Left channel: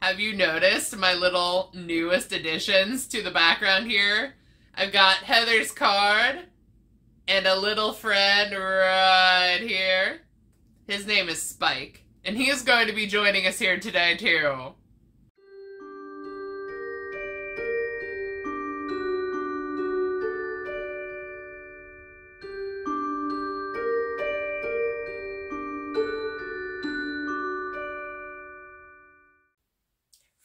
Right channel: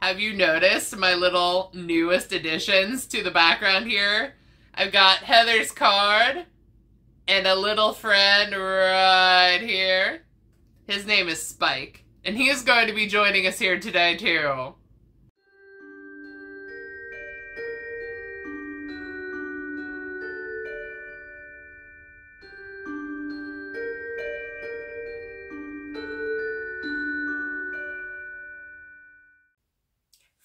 Have you noticed my little newest additions to the background here? I've got Heather's card and a little friend right here. His name is Spike, and he is going to be joining us here today too.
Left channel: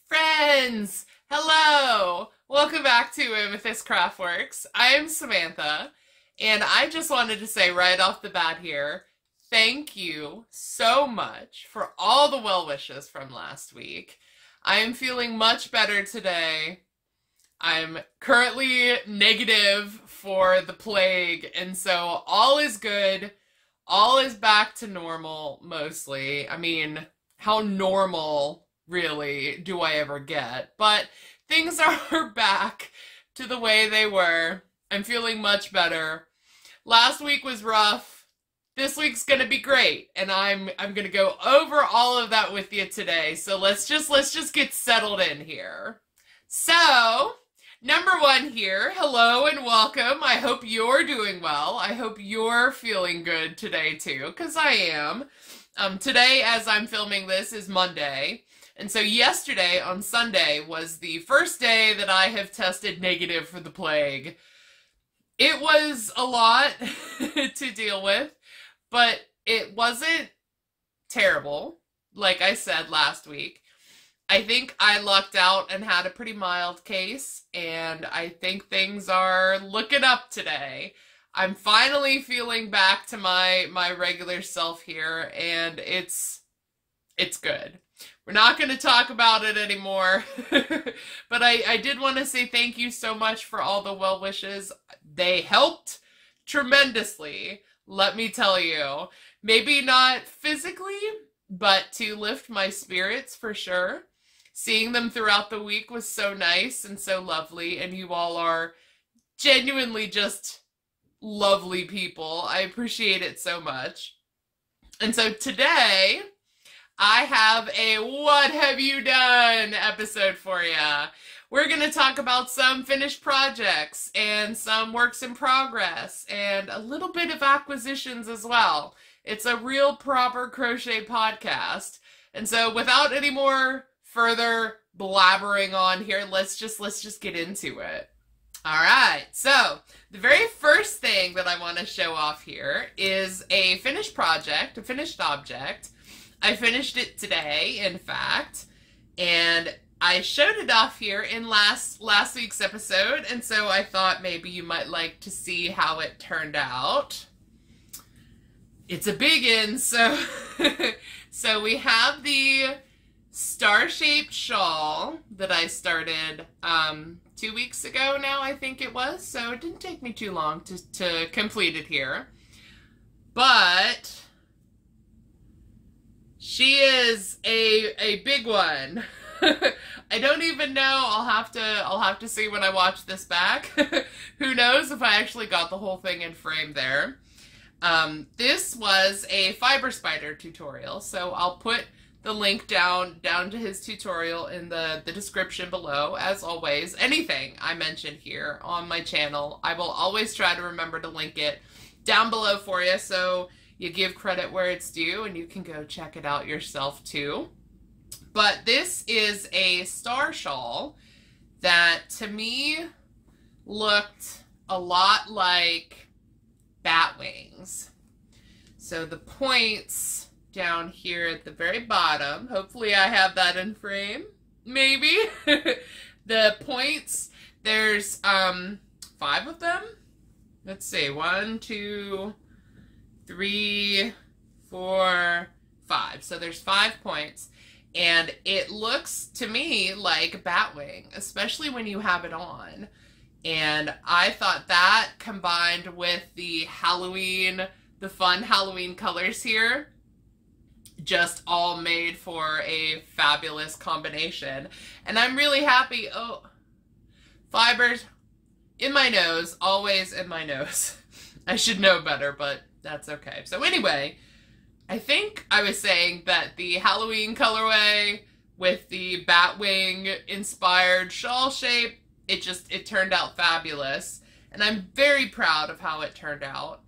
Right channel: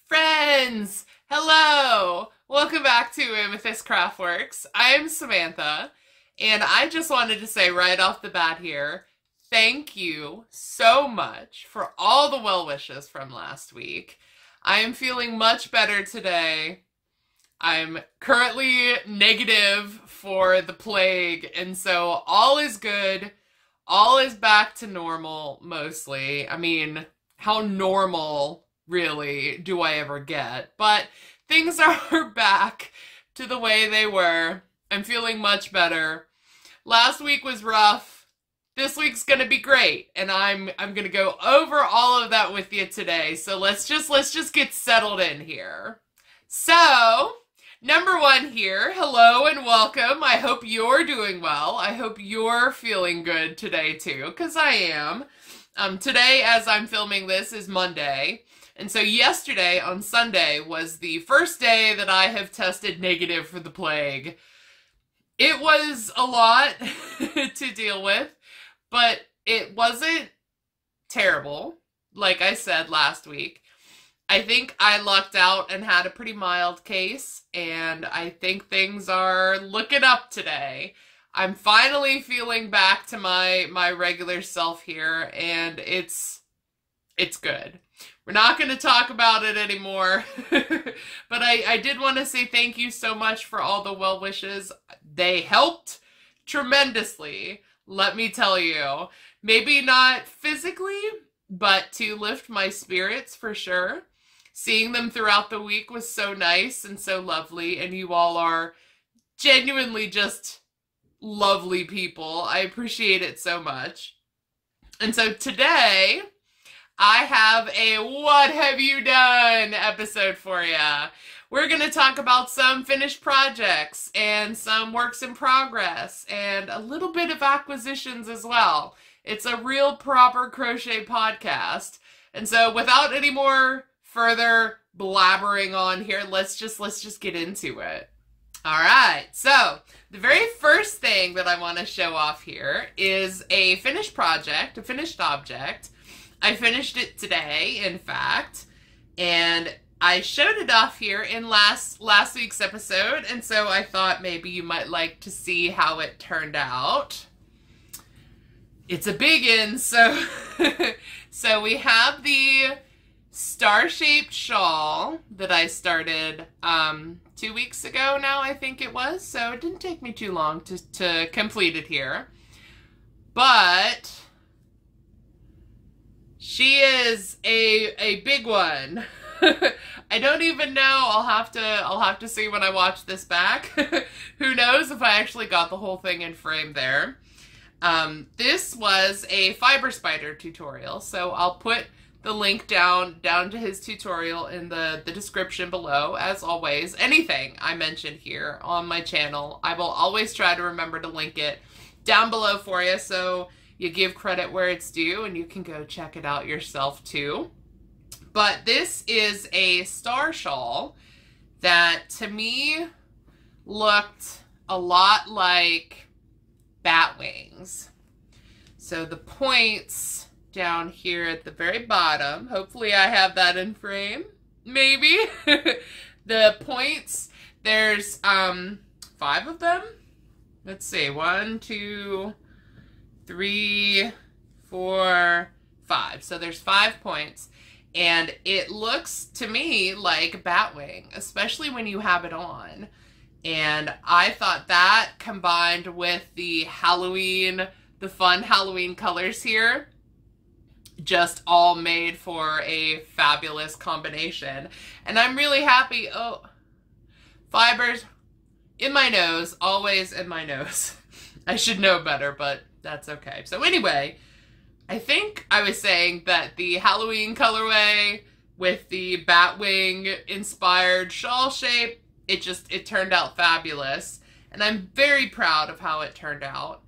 Friends, hello! Welcome back to Amethyst Craftworks. I am Samantha, and I just wanted to say right off the bat here, thank you so much for all the well wishes from last week. I am feeling much better today. I'm currently negative for the plague, and so all is good. All is back to normal, mostly. I mean, how normal really do I ever get? But things are back to the way they were. I'm feeling much better. Last week was rough. This week's gonna be great, and I'm gonna go over all of that with you today. So let's just get settled in here. So, number one here, hello and welcome. I hope you're doing well. I hope you're feeling good today too, because I am. Today, as I'm filming this, is Monday. And so yesterday, on Sunday, was the first day that I have tested negative for the plague. It was a lot to deal with, but it wasn't terrible, like I said last week. I think I lucked out and had a pretty mild case, and I think things are looking up today. I'm finally feeling back to my regular self here, and it's good. We're not going to talk about it anymore, but I did want to say thank you so much for all the well wishes. They helped tremendously, let me tell you. Maybe not physically, but to lift my spirits for sure. Seeing them throughout the week was so nice and so lovely, and you all are genuinely just lovely people. I appreciate it so much. And so today, I have a What Have You Done episode for ya. We're going to talk about some finished projects and some works in progress and a little bit of acquisitions as well. It's a real proper crochet podcast. And so without any more further blabbering on here, let's just get into it. All right. So the very first thing that I want to show off here is a finished project, a finished object. I finished it today, in fact, and I showed it off here in last week's episode, and so I thought maybe you might like to see how it turned out. It's a biggin, so so we have the star-shaped shawl that I started 2 weeks ago now, I think it was, so it didn't take me too long to complete it here. But she is a big one. I don't even know. I'll have to see when I watch this back. Who knows if I actually got the whole thing in frame there. This was a fiber spider tutorial, so I'll put the link down to his tutorial in the description below. As always, anything I mention here on my channel, I will always try to remember to link it down below for you, so you give credit where it's due, and you can go check it out yourself too. But this is a star shawl that, to me, looked a lot like bat wings. So the points down here at the very bottom, hopefully I have that in frame, maybe. The points, there's 5 of them. Let's see, 1, 2, 3, 4, 5. So there's 5 points, and it looks to me like a bat wing, especially when you have it on. And I thought that, combined with the fun Halloween colors here, just all made for a fabulous combination. And I'm really happy. Oh, fibers in my nose, always in my nose. I should know better, but that's okay. So anyway, I think I was saying that the Halloween colorway with the Batwing inspired shawl shape. It turned out fabulous. And I'm very proud of how it turned out.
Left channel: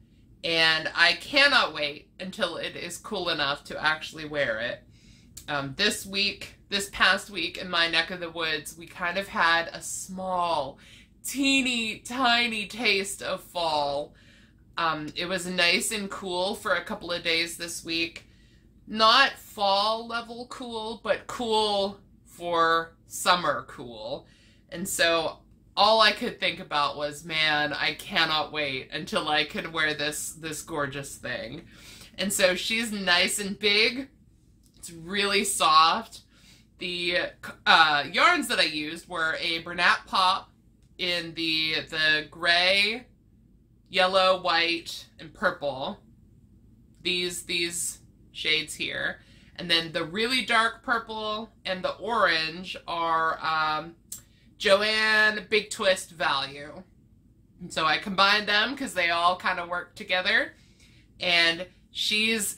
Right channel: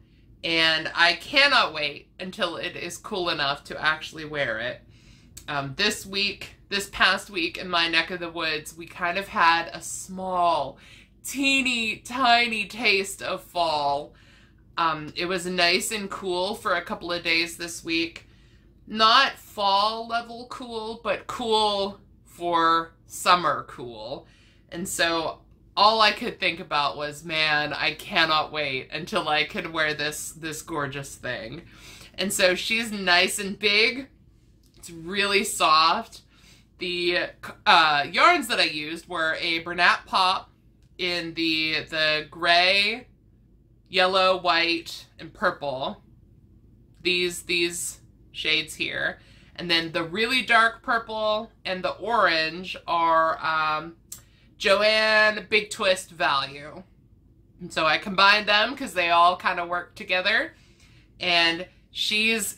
And I cannot wait until it is cool enough to actually wear it. This past week in my neck of the woods, we kind of had a small, teeny, tiny taste of fall. It was nice and cool for a couple of days this week. Not fall level cool, but cool for summer cool. And so all I could think about was, man, I cannot wait until I can wear this gorgeous thing. And so she's nice and big. It's really soft. The yarns that I used were a Bernat Pop in the gray, yellow, white, and purple. These shades here. And then the really dark purple and the orange are Joanne Big Twist Value. And so I combined them because they all kind of work together. And she's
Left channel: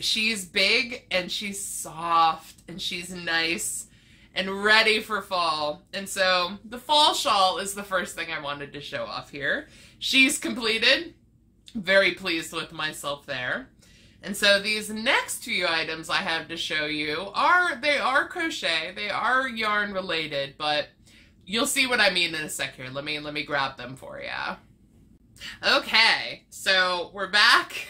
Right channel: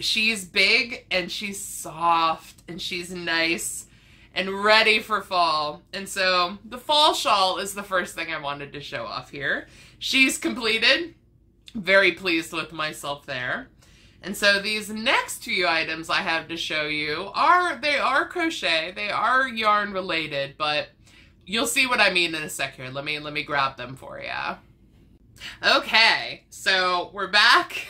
big and she's soft and she's nice and ready for fall. And so the fall shawl is the first thing I wanted to show off here. She's completed. Very pleased with myself there. And so these next few items I have to show you are crochet. They are yarn related, but you'll see what I mean in a sec here. Let me grab them for you. Okay, so we're back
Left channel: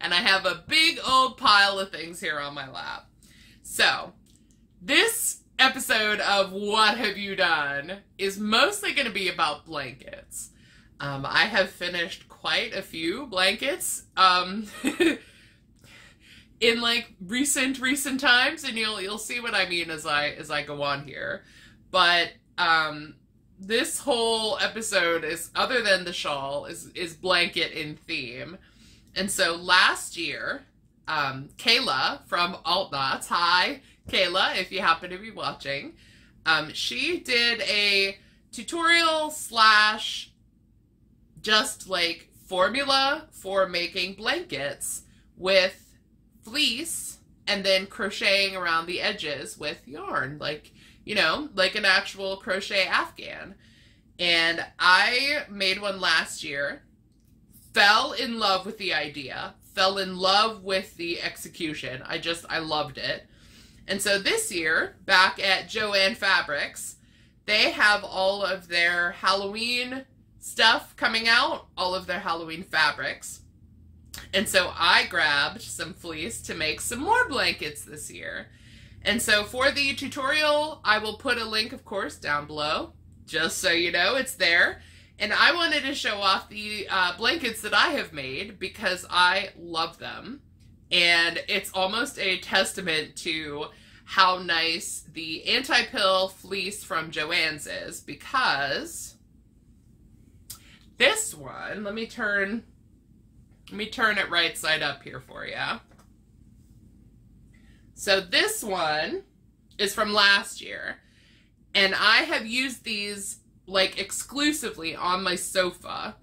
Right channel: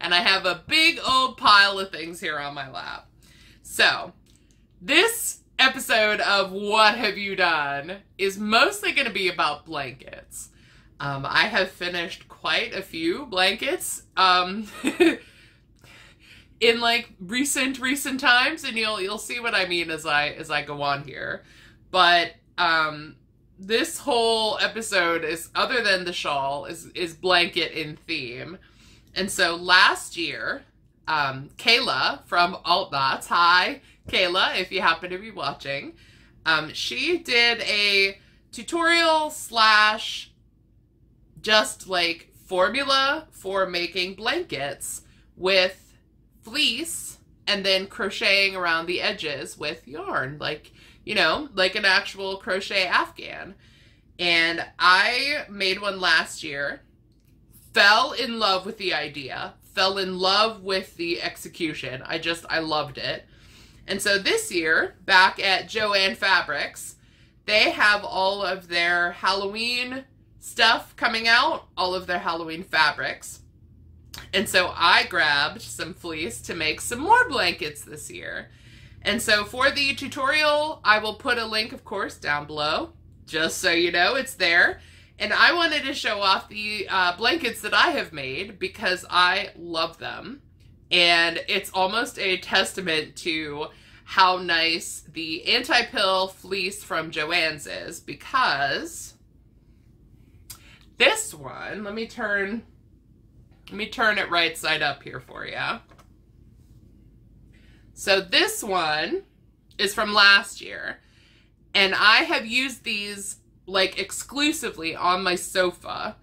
and I have a big old pile of things here on my lap. So this episode of What Have You Done is mostly going to be about blankets. I have finished quite a few blankets in like recent times, and you'll see what I mean as I go on here. But this whole episode is, other than the shawl, is blanket in theme. And so last year, Kayla from Alt Knots, hi Kayla, if you happen to be watching, she did a tutorial slash just like formula for making blankets with fleece and then crocheting around the edges with yarn, like, you know, like an actual crochet Afghan. And I made one last year, fell in love with the idea, fell in love with the execution. I loved it. And so this year, back at Joann Fabrics, they have all of their Halloween stuff coming out, all of their Halloween fabrics. And so I grabbed some fleece to make some more blankets this year. And so for the tutorial, I will put a link, of course, down below, just so you know it's there. And I wanted to show off the blankets that I have made because I love them. And it's almost a testament to how nice the anti-pill fleece from Joann's is, because this one, let me turn it right side up here for you. So this one is from last year, and I have used these like exclusively on my sofa.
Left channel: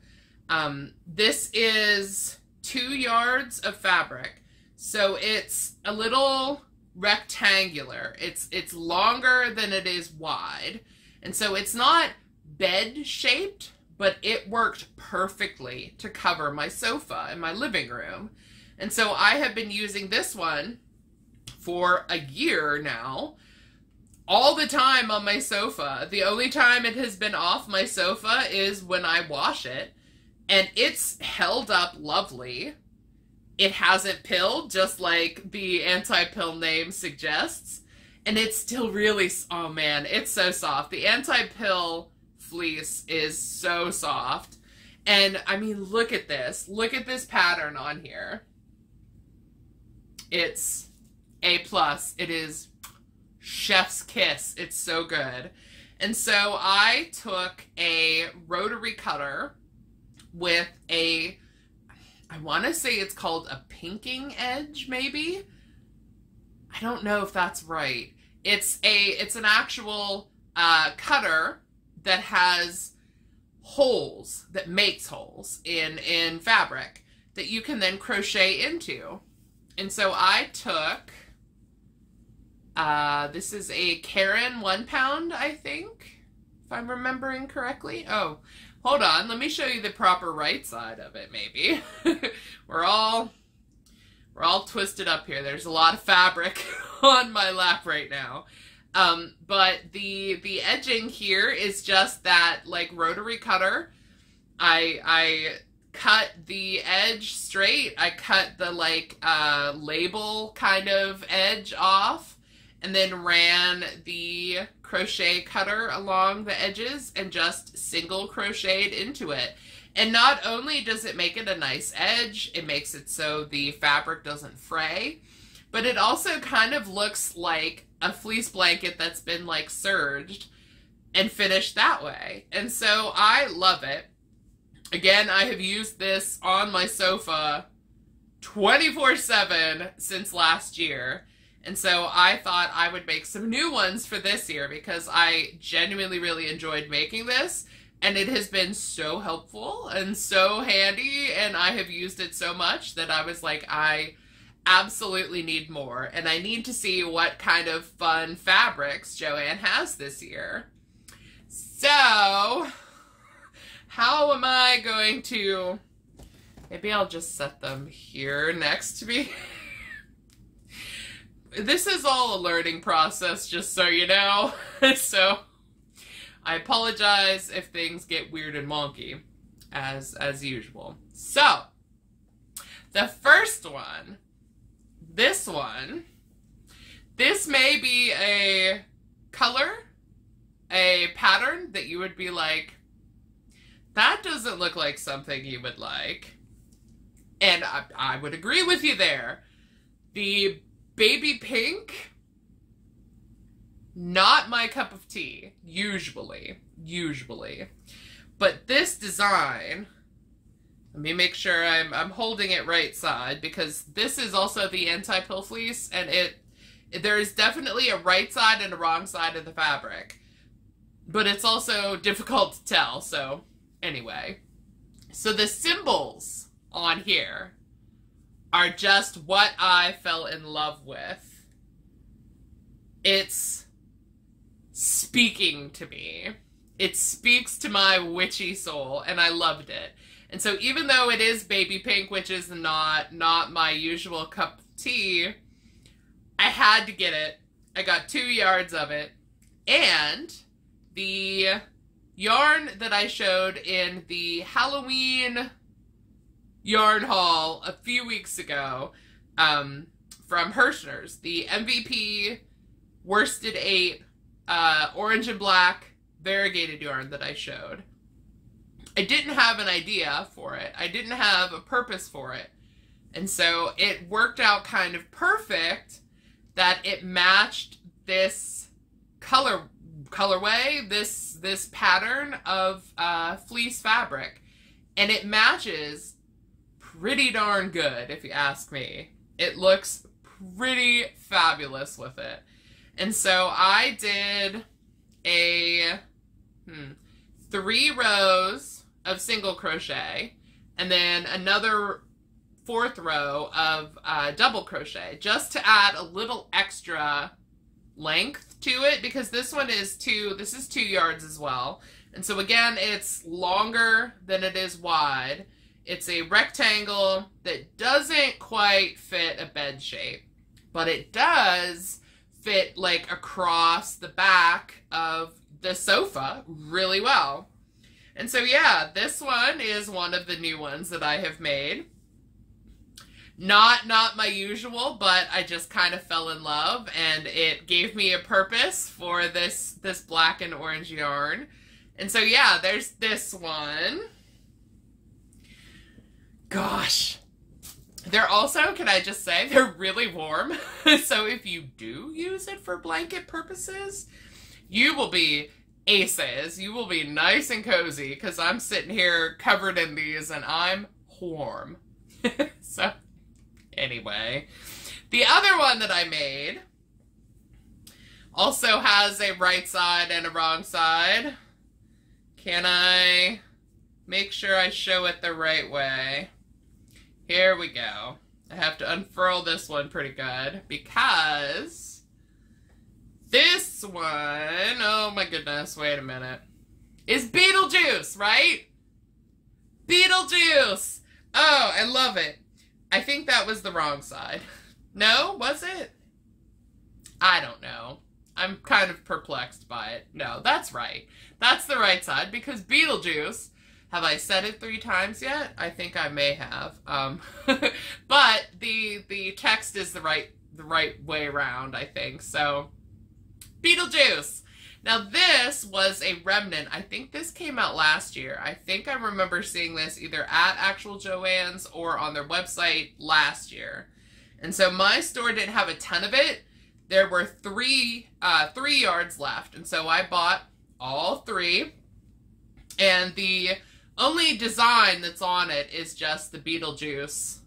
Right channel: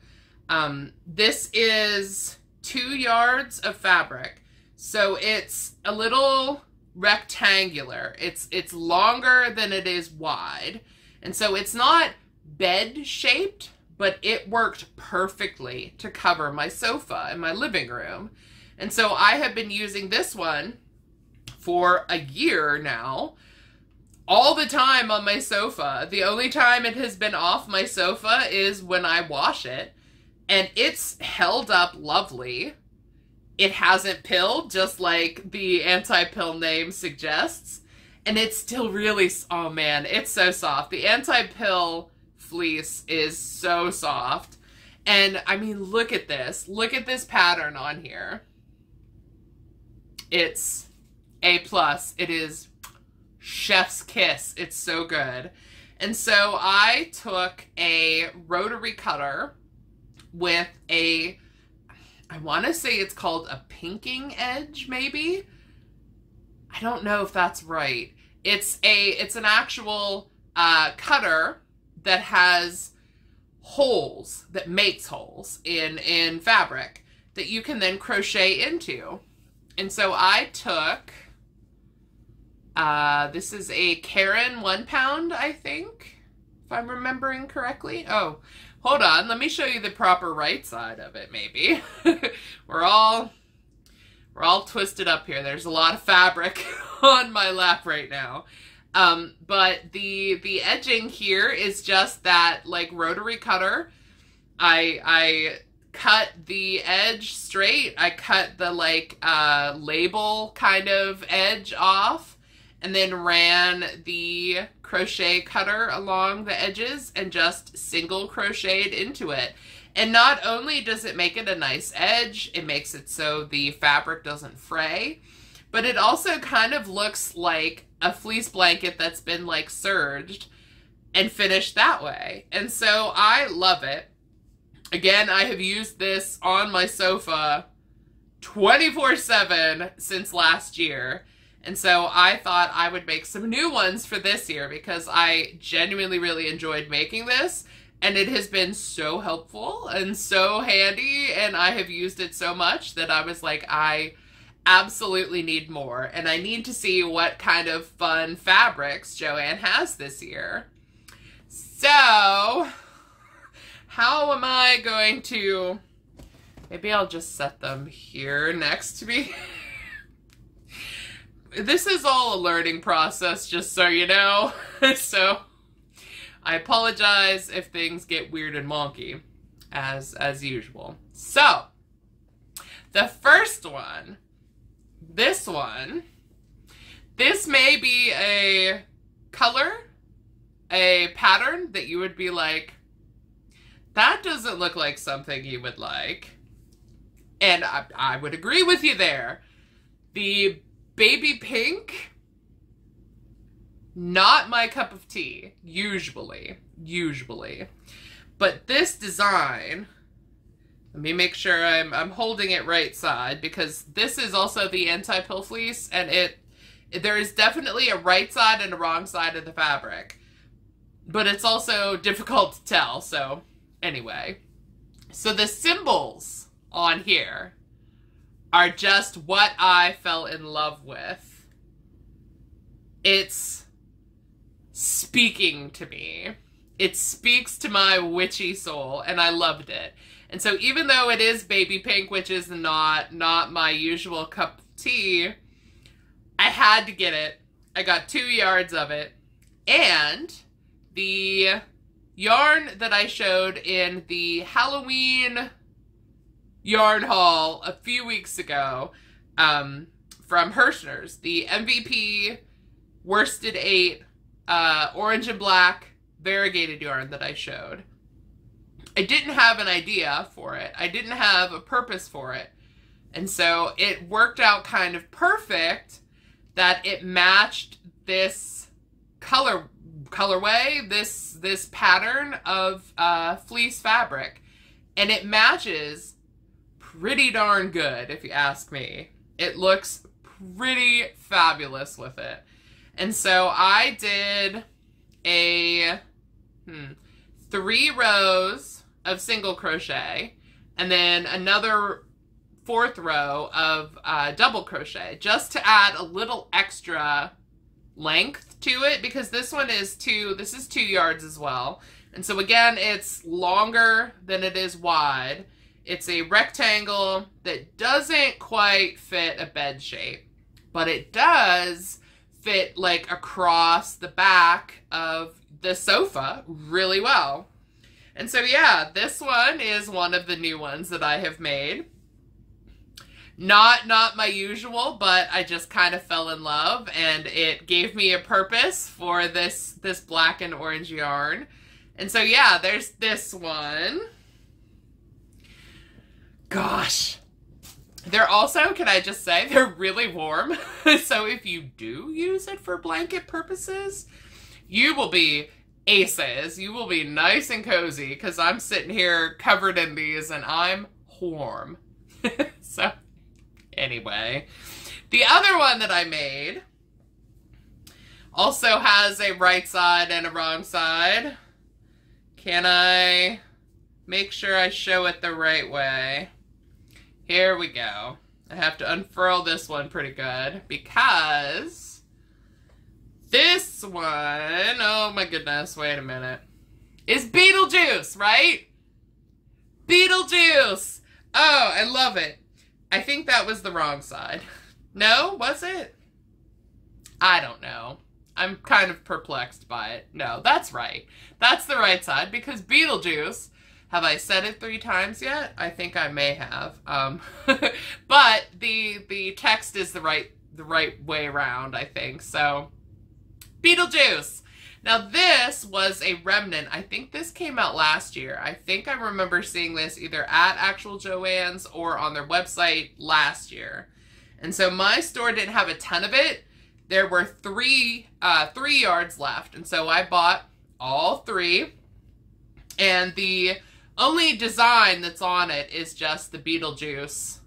This is 2 yards of fabric, so it's a little rectangular. It's longer than it is wide, and so it's not bed shaped, but it worked perfectly to cover my sofa in my living room. And so I have been using this one for a year now, all the time on my sofa. The only time it has been off my sofa is when I wash it, and it's held up lovely. It hasn't pilled, just like the anti-pill name suggests, and it's still really, oh man, it's so soft. The anti-pill fleece is so soft. And I mean, look at this pattern on here. It's A+. It is chef's kiss. It's so good. And so I took a rotary cutter with a, I want to say it's called a pinking edge, maybe. I don't know if that's right. It's an actual cutter that has holes, that makes holes in fabric that you can then crochet into. And so I took This is a Karen 1 pound, I think, if I'm remembering correctly. Oh, hold on. Let me show you the proper right side of it, maybe. We're all twisted up here. There's a lot of fabric on my lap right now. But the edging here is just that, like, rotary cutter. I cut the edge straight. I cut the, like, label kind of edge off, and then ran the crochet cutter along the edges and just single crocheted into it. And not only does it make it a nice edge, it makes it so the fabric doesn't fray, but it also kind of looks like a fleece blanket that's been, like, serged and finished that way. And so I love it. Again, I have used this on my sofa 24/7 since last year. And so I thought I would make some new ones for this year because I genuinely really enjoyed making this. And it has been so helpful and so handy, and I have used it so much that I was like, I absolutely need more. And I need to see what kind of fun fabrics Joanne has this year. So, how am I going to... Maybe I'll just set them here next to me. This is all a learning process, just so you know. So... I apologize if things get weird and wonky, as usual. So, the first one, this may be a color, a pattern that you would be like, that doesn't look like something you would like. And I would agree with you there. The baby pink, not my cup of tea, usually. But this design, let me make sure I'm holding it right side, because this is also the anti-pill fleece, and there is definitely a right side and a wrong side of the fabric. But it's also difficult to tell, so anyway. So the symbols on here are just what I fell in love with. It's speaking to me. It speaks to my witchy soul, and I loved it. And so even though it is baby pink, which is not my usual cup of tea, I had to get it. I got 2 yards of it. And the yarn that I showed in the Halloween yarn haul a few weeks ago from Hirschner's, the MVP worsted 8 orange and black variegated yarn that I showed. I didn't have an idea for it. I didn't have a purpose for it. And so it worked out kind of perfect that it matched this colorway, this pattern of fleece fabric. And it matches pretty darn good, if you ask me. It looks pretty fabulous with it. And so I did a 3 rows of single crochet, and then another 4th row of double crochet, just to add a little extra length to it, because this is 2 yards as well. And so again, it's longer than it is wide. It's a rectangle that doesn't quite fit a bed shape, but it does fit like across the back of the sofa really well. And so yeah, this one is one of the new ones that I have made. Not my usual, but I just kind of fell in love, and it gave me a purpose for this black and orange yarn. And so yeah, there's this one. Gosh. They're also, can I just say, they're really warm. So if you do use it for blanket purposes, you will be aces. You will be nice and cozy, because I'm sitting here covered in these and I'm warm. So anyway, the other one that I made also has a right side and a wrong side. Can I make sure I show it the right way? Here we go. I have to unfurl this one pretty good, because This one, oh my goodness, wait a minute, is Beetlejuice, right? Beetlejuice! Oh, I love it. I think that was the wrong side. No, was it? I don't know. I'm kind of perplexed by it. No, that's right. That's the right side, because Beetlejuice, have I said it 3 times yet? I think I may have. But the text is the right way around, I think. So, Beetlejuice. Now this was a remnant. I think this came out last year. I think I remember seeing this either at actual Joann's or on their website last year. And so my store didn't have a ton of it. There were 3 yards left. And so I bought all 3. And the only design that's on it is just the Beetlejuice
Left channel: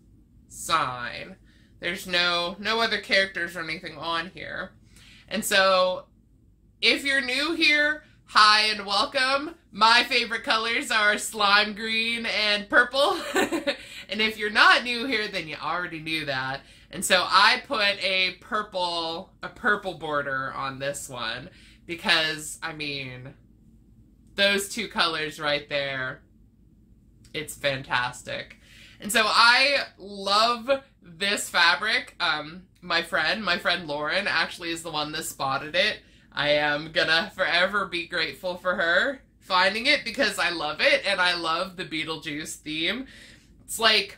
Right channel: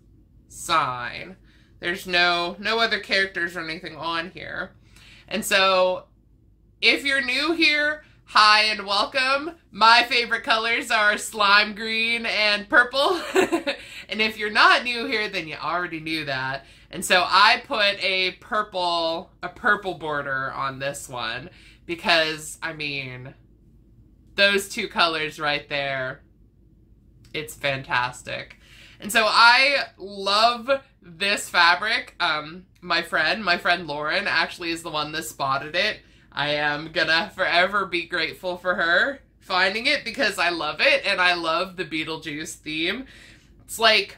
sign. There's no other characters or anything on here. And so if you're new here, hi and welcome. My favorite colors are slime green and purple. And if you're not new here, then you already knew that. And so I put a purple border on this one because, I mean, those 2 colors right there, it's fantastic. And so I love this fabric. My friend Lauren actually is the one that spotted it. I am gonna forever be grateful for her finding it because I love it and I love the Beetlejuice theme. It's like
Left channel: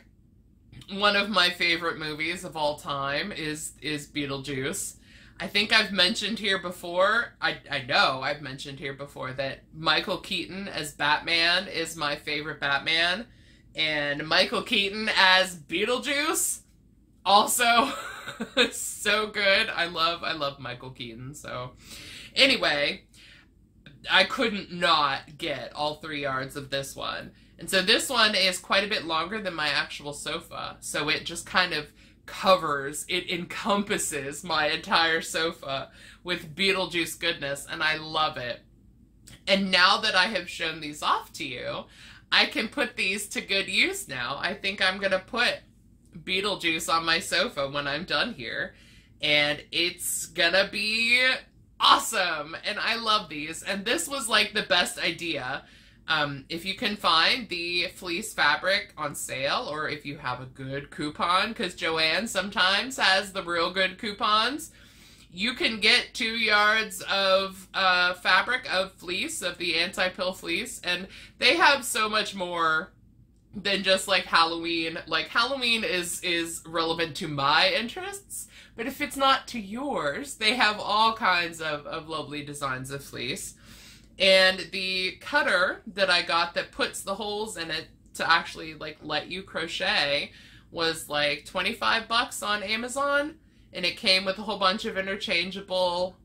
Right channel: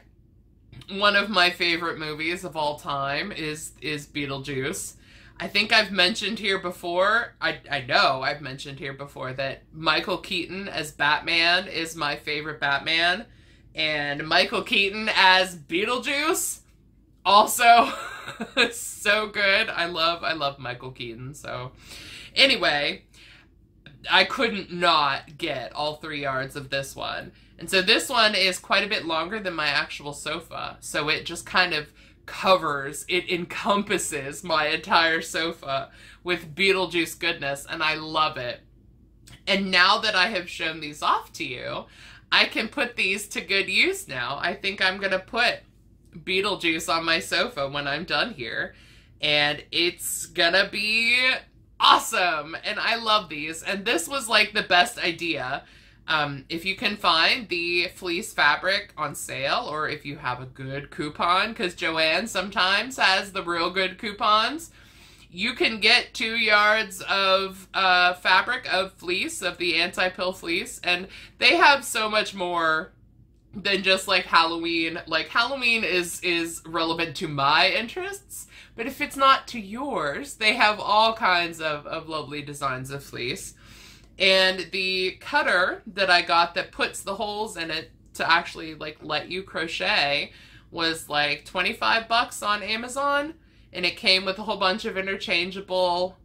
one of my favorite movies of all time is Beetlejuice. I think I've mentioned here before, I know I've mentioned here before that Michael Keaton as Batman is my favorite Batman. And Michael Keaton as Beetlejuice, also so good. I love Michael Keaton. So anyway, I couldn't not get all 3 yards of this one. And so this one is quite a bit longer than my actual sofa. So it just kind of it encompasses my entire sofa with Beetlejuice goodness, and I love it. And now that I have shown these off to you, I can put these to good use now. I think I'm gonna put Beetlejuice on my sofa when I'm done here, and it's gonna be awesome. And I love these, and this was like the best idea. If you can find the fleece fabric on sale, or if you have a good coupon, because Joann sometimes has the real good coupons, you can get 2 yards of fabric of fleece, of the anti-pill fleece, and they have so much more than just like Halloween. Like Halloween is relevant to my interests, but if it's not to yours, they have all kinds of lovely designs of fleece. And the cutter that I got that puts the holes in it to actually like let you crochet was like 25 bucks on Amazon. And it came with a whole bunch of interchangeable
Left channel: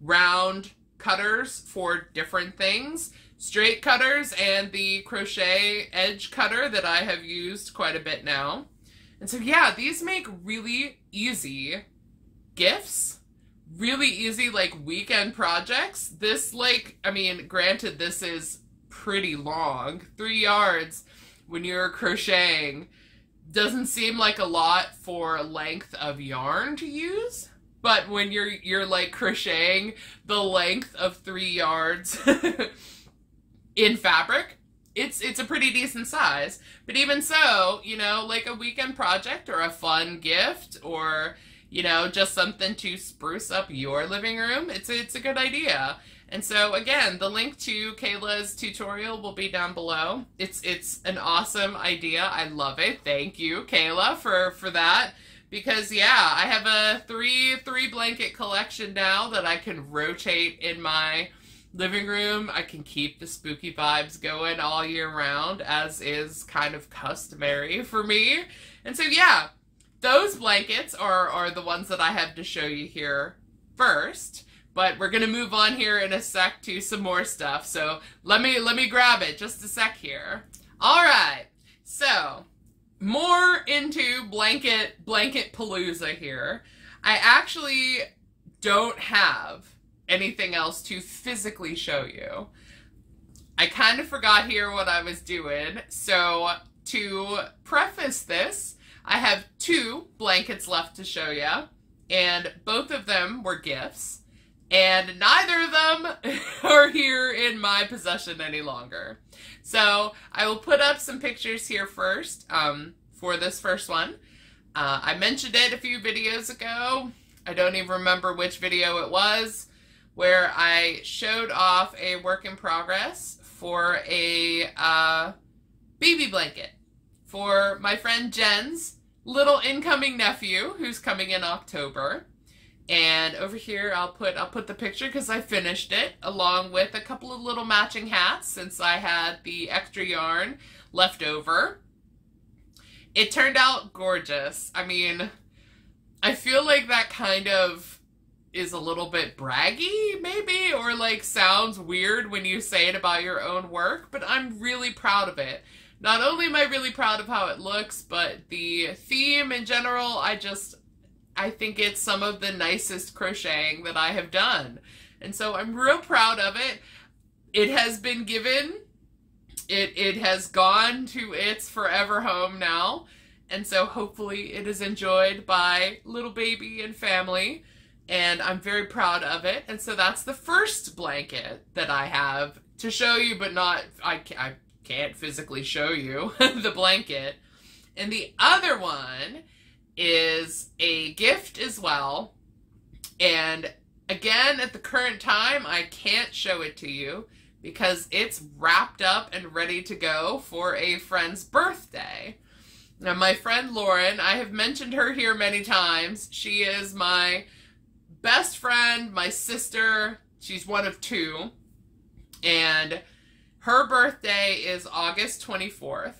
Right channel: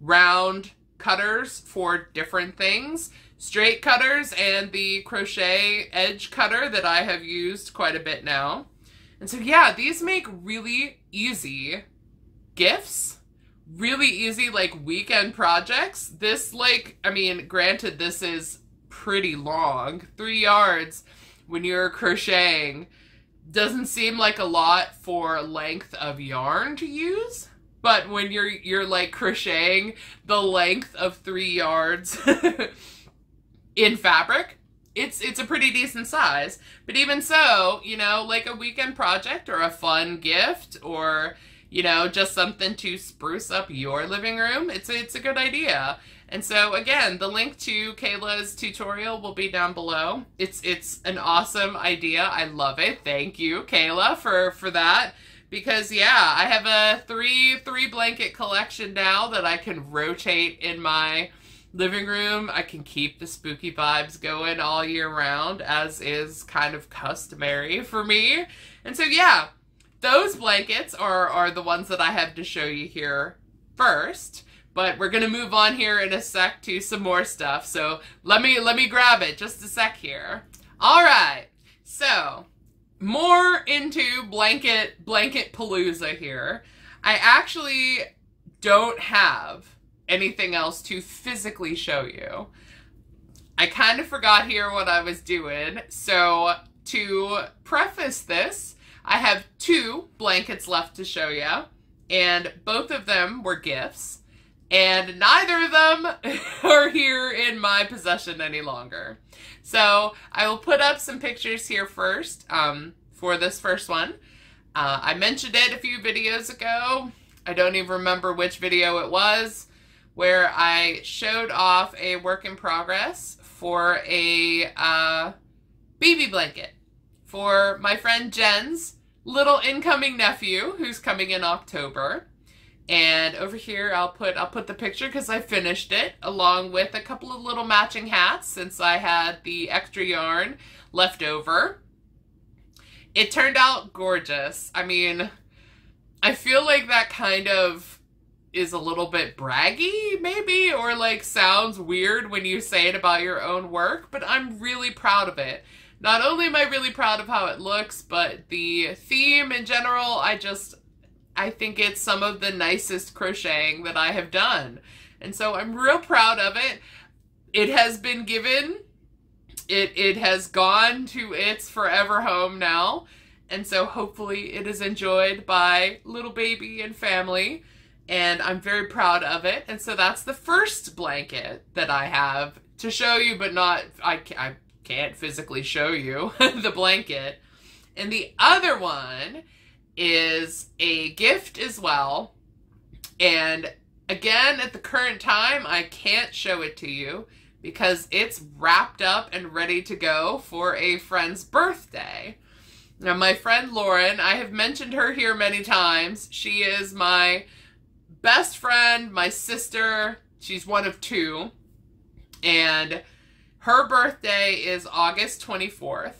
round cutters for different things. Straight cutters and the crochet edge cutter that I have used quite a bit now. And so yeah, these make really easy gifts. Really easy like weekend projects. This like, I mean, granted this is pretty long. 3 yards when you're crocheting doesn't seem like a lot for length of yarn to use, but when you're like crocheting the length of 3 yards in fabric, it's a pretty decent size. But even so, you know, like a weekend project or a fun gift, or you know, just something to spruce up your living room, it's a good idea. And so again, the link to Kayla's tutorial will be down below. It's an awesome idea. I love it. Thank you, Kayla, for that. Because yeah, I have a three blanket collection now that I can rotate in my living room. I can keep the spooky vibes going all year round, as is kind of customary for me. And so yeah, those blankets are the ones that I have to show you here first. But we're gonna move on here in a sec to some more stuff. So let me grab it just a sec here. All right, so more into blanket palooza here. I actually don't have anything else to physically show you. I kind of forgot here what I was doing. So to preface this, I have 2 blankets left to show you. and both of them were gifts, and neither of them are here in my possession any longer. So I will put up some pictures here first for this first one. I mentioned it a few videos ago. I don't even remember which video it was, where I showed off a work in progress for a BB blanket for my friend Jen's little incoming nephew who's coming in October. And over here I'll put the picture because I finished it, along with a couple of little matching hats since I had the extra yarn left over. It turned out gorgeous. I mean, I feel like that kind of is a little bit braggy, maybe, or like sounds weird when you say it about your own work, but I'm really proud of it. Not only am I really proud of how it looks, but the theme in general, I think it's some of the nicest crocheting that I have done. And so I'm real proud of it. It has been given. It has gone to its forever home now. And so hopefully it is enjoyed by little baby and family. And I'm very proud of it. And so that's the first blanket that I have to show you, but not, I can't physically show you the blanket. And the other one is a gift as well. And again, at the current time, I can't show it to you because it's wrapped up and ready to go for a friend's birthday. Now, my friend Lauren, I have mentioned her here many times. She is my best friend, my sister. She's one of two. And her birthday is August 24th.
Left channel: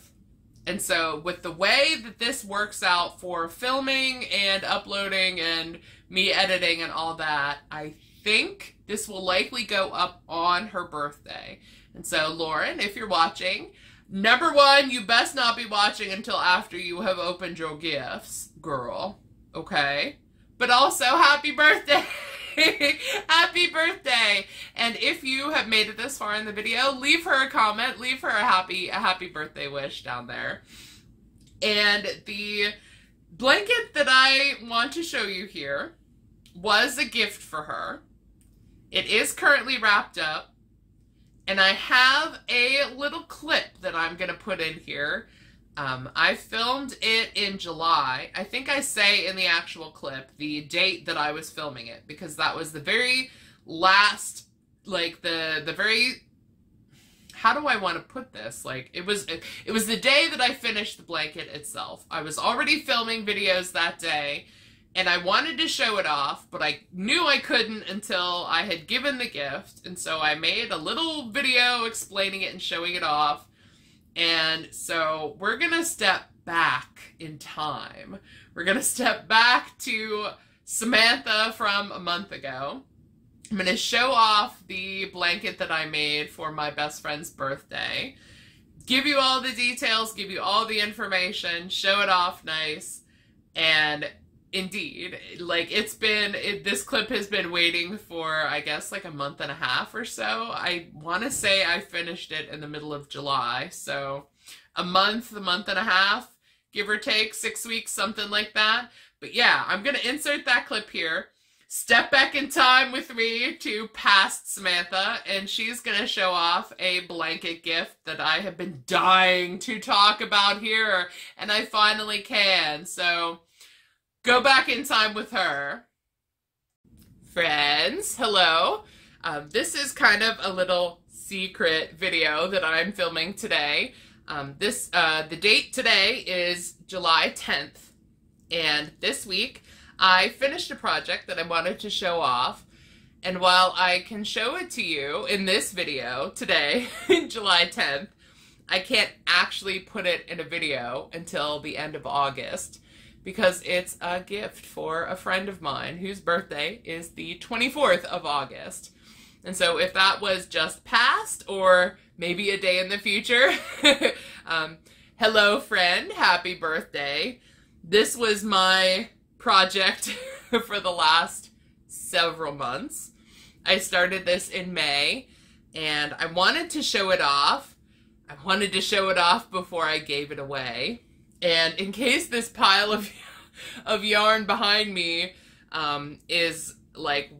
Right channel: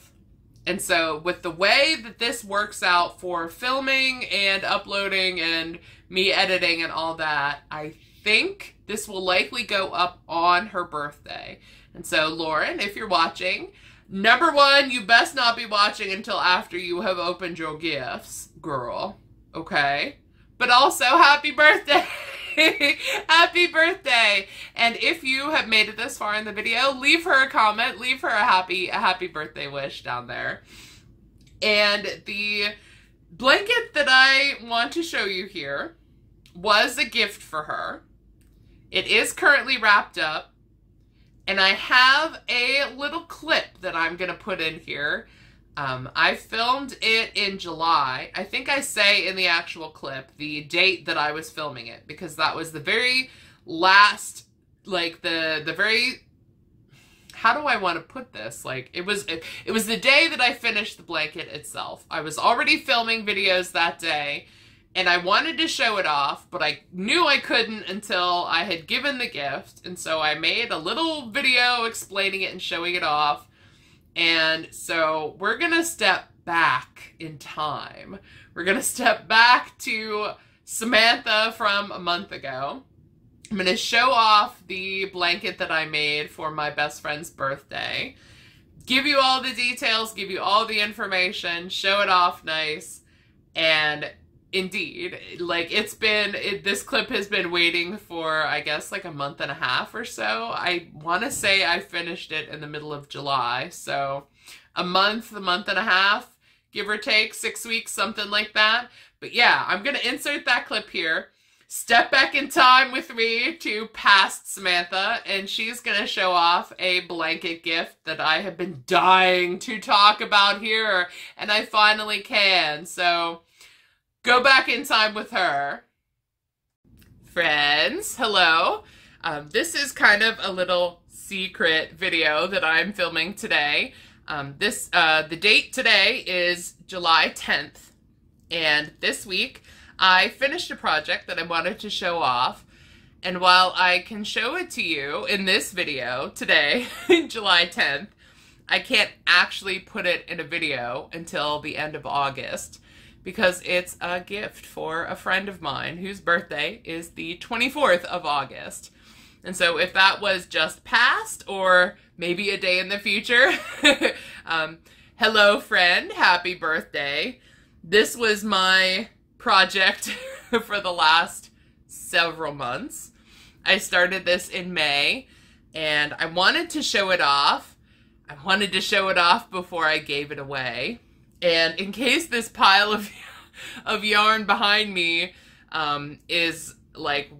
And so with the way that this works out for filming and uploading and me editing and all that, I think this will likely go up on her birthday. And so Lauren, if you're watching, number one, you best not be watching until after you have opened your gifts, girl. Okay? But also, happy birthday! Happy birthday! And if you have made it this far in the video, leave her a comment, leave her a happy birthday wish down there. And the blanket that I want to show you here was a gift for her. It is currently wrapped up, and I have a little clip that I'm going to put in here. I filmed it in July. I think I say in the actual clip the date that I was filming it, because that was the very last, like the very, how do I want to put this? Like it was the day that I finished the blanket itself. I was already filming videos that day, and I wanted to show it off, but I knew I couldn't until I had given the gift, and so I made a little video explaining it and showing it off. And so we're going to step back in time. We're going to step back to Samantha from a month ago. I'm going to show off the blanket that I made for my best friend's birthday. Give you all the details, give you all the information, show it off nice. And indeed, like this clip has been waiting for, I guess, like a month and a half or so. I want to say I finished it in the middle of July. So a month and a half, give or take, 6 weeks, something like that. But yeah, I'm going to insert that clip here. Step back in time with me to past Samantha, and she's going to show off a blanket gift that I have been dying to talk about here, and I finally can. So go back in time with her. Friends, hello. This is kind of a little secret video that I'm filming today. The date today is July 10th, and this week I finished a project that I wanted to show off. And while I can show it to you in this video today, July 10th, I can't actually put it in a video until the end of August, because it's a gift for a friend of mine whose birthday is the 24th of August. And so if that was just past, or maybe a day in the future, hello friend, happy birthday. This was my project for the last several months. I started this in May, and I wanted to show it off. I wanted to show it off before I gave it away. And in case this pile of yarn behind me is like,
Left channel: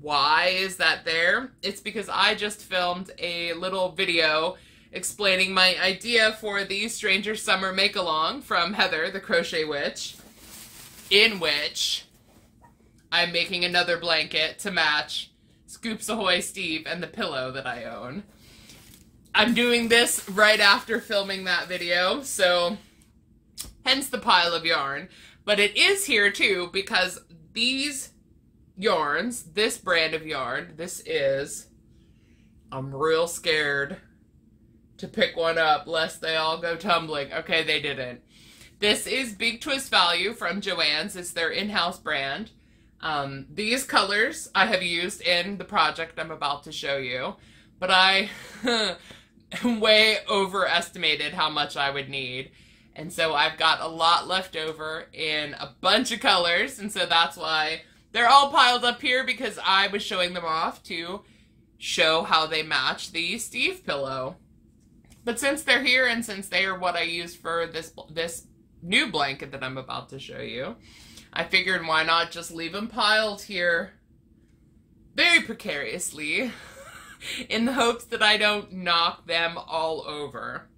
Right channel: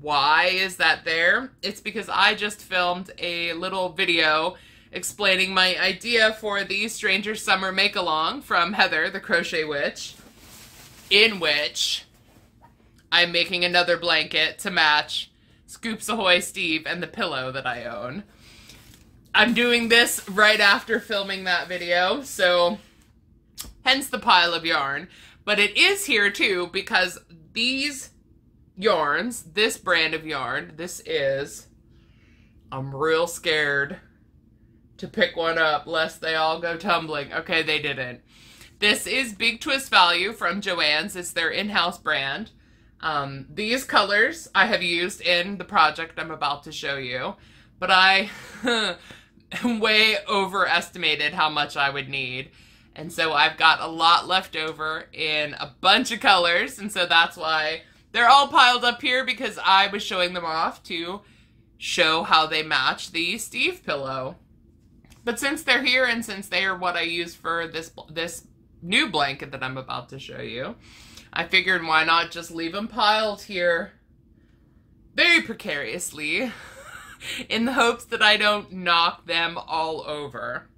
why is that there? It's because I just filmed a little video explaining my idea for the Stranger Summer Make-Along from Heather, the Crochet Witch, in which I'm making another blanket to match Scoops Ahoy Steve and the pillow that I own. I'm doing this right after filming that video, so hence the pile of yarn. But it is here too because these yarns, this brand of yarn, this is, I'm real scared to pick one up lest they all go tumbling. Okay, they didn't. This is Big Twist Value from Joann's. It's their in-house brand. These colors I have used in the project I'm about to show you, but I way overestimated how much I would need. And so I've got a lot left over in a bunch of colors, and so that's why they're all piled up here, because I was showing them off to show how they match the Steve pillow. But since they're here and since they are what I use for this new blanket that I'm about to show you, I figured why not just leave them piled here very precariously in the hopes that I don't knock them all over.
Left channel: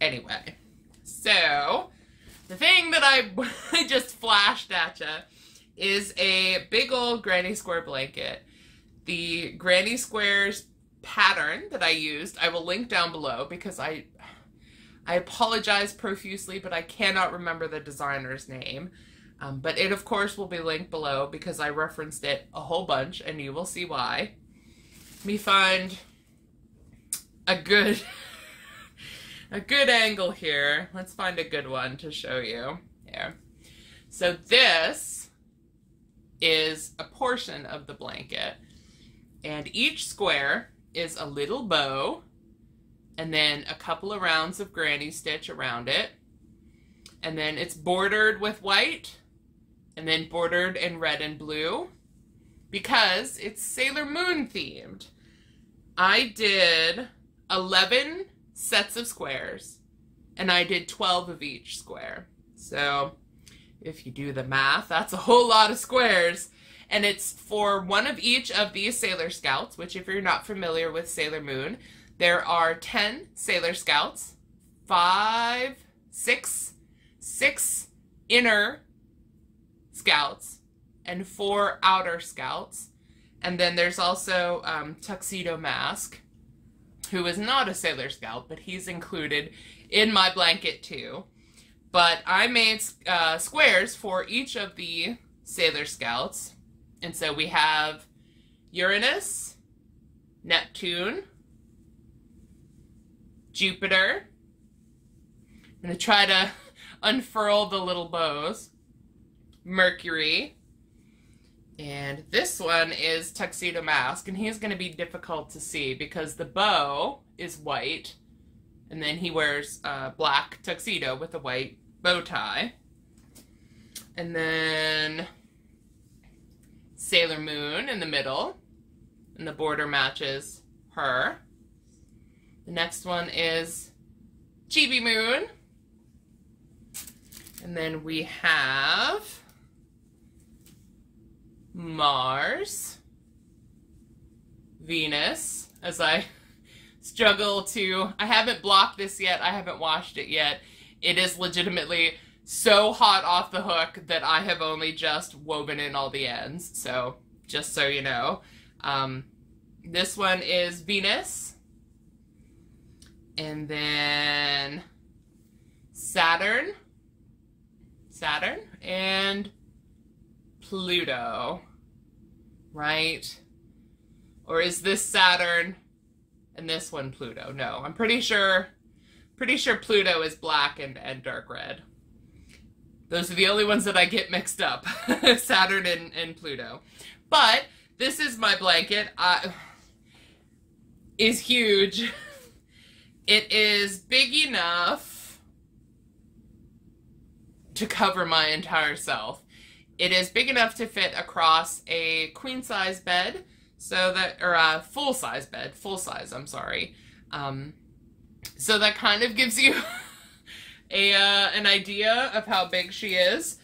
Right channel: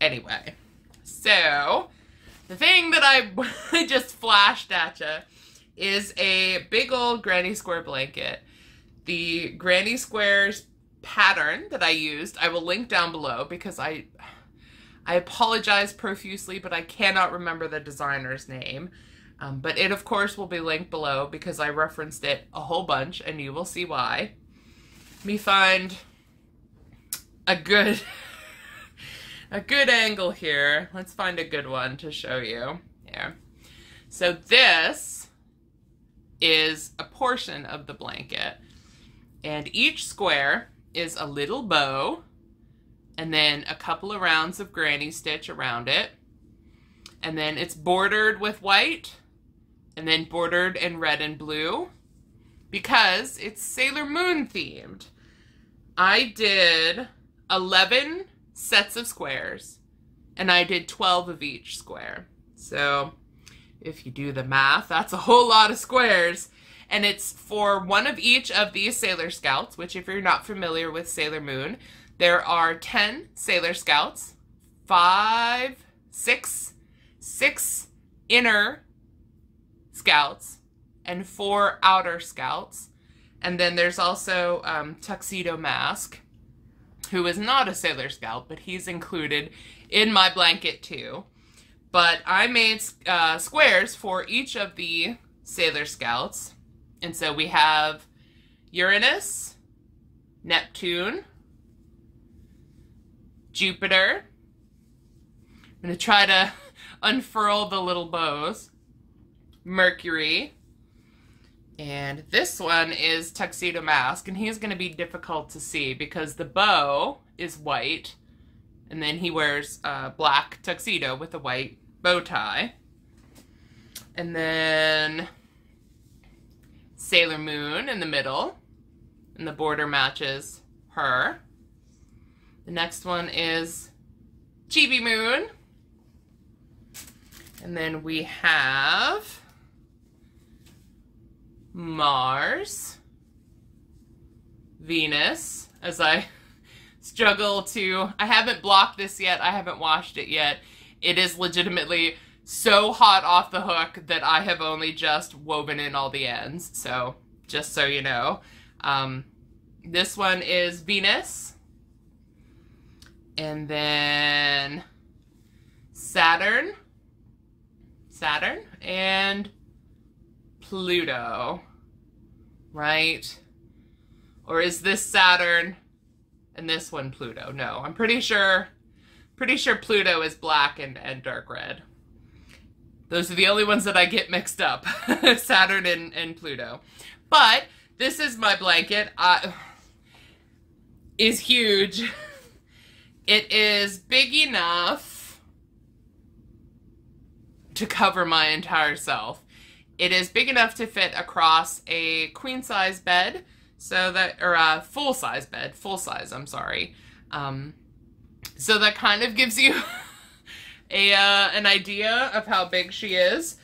Anyway, so the thing that I just flashed at you is a big old granny square blanket. The granny squares pattern that I used, I will link down below because I apologize profusely, but I cannot remember the designer's name. But it, of course, will be linked below because I referenced it a whole bunch, and you will see why. Let me find a good angle here. Let's find a good one to show you. Here. So this is a portion of the blanket, and each square is a little bow, and then a couple of rounds of granny stitch around it, and then it's bordered with white, and then bordered in red and blue, because it's Sailor Moon themed. I did 11 sets of squares, and I did 12 of each square. So if you do the math, that's a whole lot of squares. And it's for one of each of these Sailor Scouts, which if you're not familiar with Sailor Moon, there are 10 Sailor Scouts, 6 inner Scouts, and 4 outer Scouts. And then there's also Tuxedo Mask, who is not a Sailor Scout, but he's included in my blanket too. But I made squares for each of the Sailor Scouts. And so we have Uranus, Neptune, Jupiter. I'm going to try to unfurl the little bows. Mercury. And this one is Tuxedo Mask, and he's going to be difficult to see because the bow is white, and then he wears a black tuxedo with a white bow tie. And then Sailor Moon in the middle, and the border matches her. The next one is Chibi Moon. And then we have Mars, Venus, as I struggle to, I haven't blocked this yet, I haven't washed it yet. It is legitimately so hot off the hook that I have only just woven in all the ends, so just so you know. This one is Venus, and then Saturn, and Pluto, right? Or is this Saturn and this one Pluto? No, I'm pretty sure Pluto is black and dark red. Those are the only ones that I get mixed up, Saturn and Pluto. But this is my blanket. Is huge. It is big enough to cover my entire self. It is big enough to fit across a queen size bed, so that, or a full size bed, I'm sorry. So that kind of gives you an idea of how big she is.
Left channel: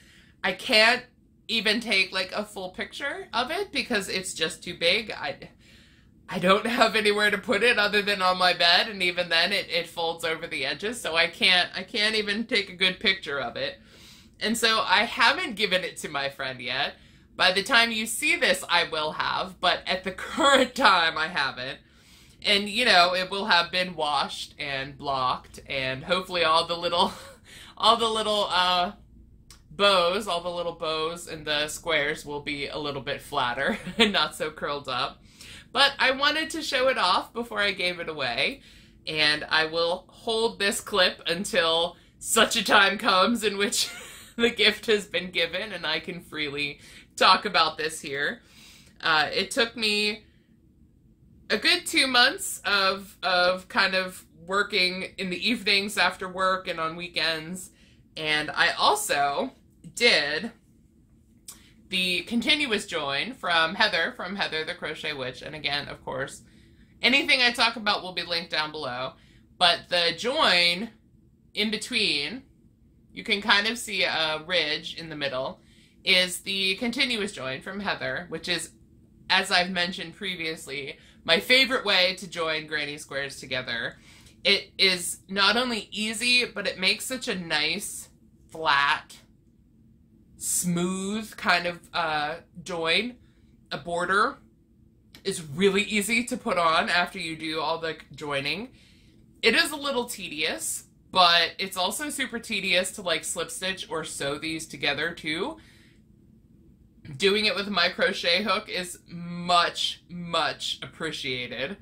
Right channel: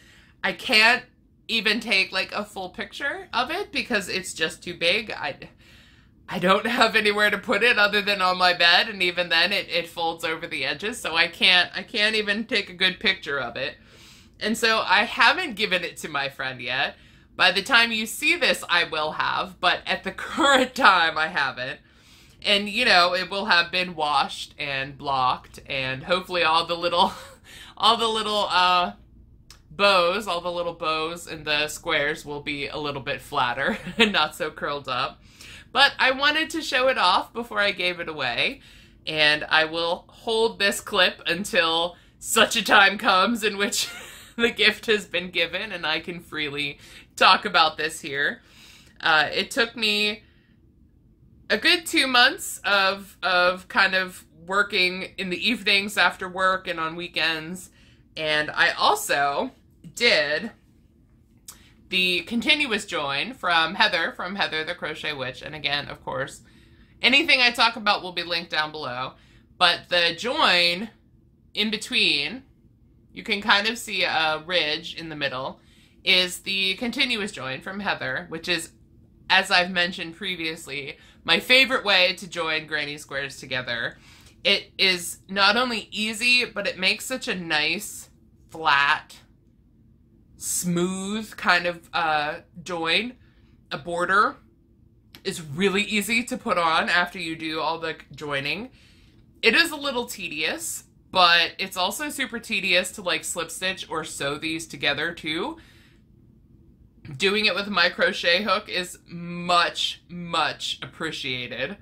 I can't even take like a full picture of it because it's just too big. I don't have anywhere to put it other than on my bed, and even then it folds over the edges, so I can't even take a good picture of it. And so I haven't given it to my friend yet. By the time you see this, I will have, but at the current time, I haven't. And, you know, it will have been washed and blocked, and hopefully all the little bows and the squares will be a little bit flatter and not so curled up. But I wanted to show it off before I gave it away, and I will hold this clip until such a time comes in which the gift has been given and I can freely talk about this here. It took me a good 2 months of kind of working in the evenings after work and on weekends, and I also did the continuous join from Heather the Crochet Witch. And again, of course, anything I talk about will be linked down below. But the join in between, you can kind of see a ridge in the middle, is the continuous join from Heather, which is, as I've mentioned previously, my favorite way to join granny squares together. It is not only easy, but it makes such a nice, flat, smooth kind of join. A border is really easy to put on after you do all the joining. It is a little tedious, but it's also super tedious to like slip stitch or sew these together too. Doing it with my crochet hook is much, much appreciated.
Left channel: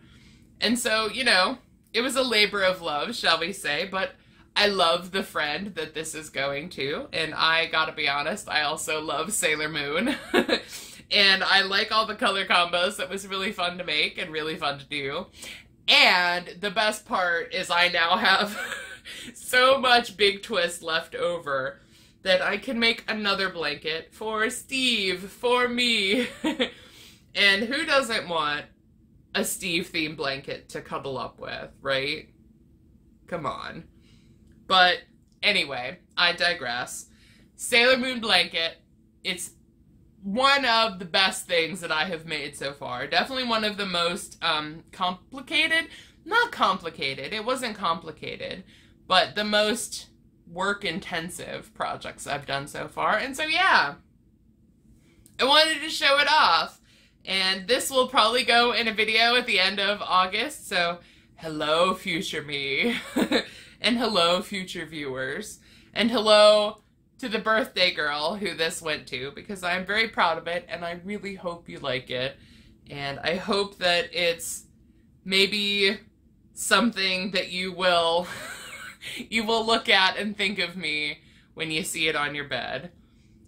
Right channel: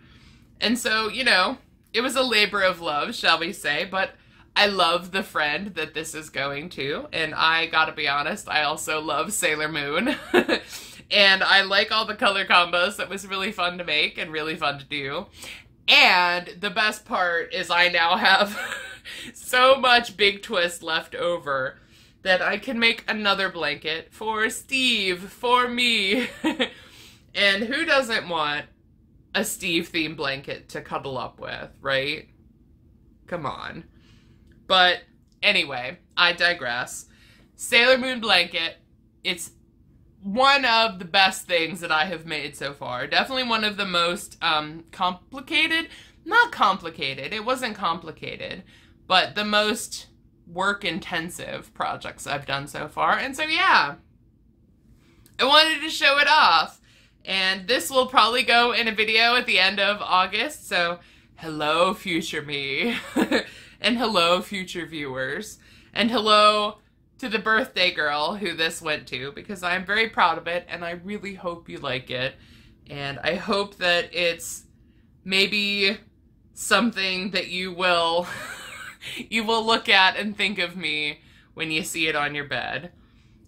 And so, you know, it was a labor of love, shall we say, but I love the friend that this is going to, and I gotta be honest, I also love Sailor Moon, and I like all the color combos. That was really fun to make and really fun to do, and the best part is I now have so much big twist left over that I can make another blanket for Steve, for me, and who doesn't want a Steve-themed blanket to cuddle up with, right? Come on. But anyway, I digress. Sailor Moon blanket, it's one of the best things that I have made so far. Definitely one of the most complicated, not complicated, it wasn't complicated, but the most work-intensive projects I've done so far. And so yeah, I wanted to show it off. And this will probably go in a video at the end of August, so hello future me. And hello, future viewers. And hello to the birthday girl who this went to, because I'm very proud of it, and I really hope you like it. And I hope that it's maybe something that you will you will look at and think of me when you see it on your bed.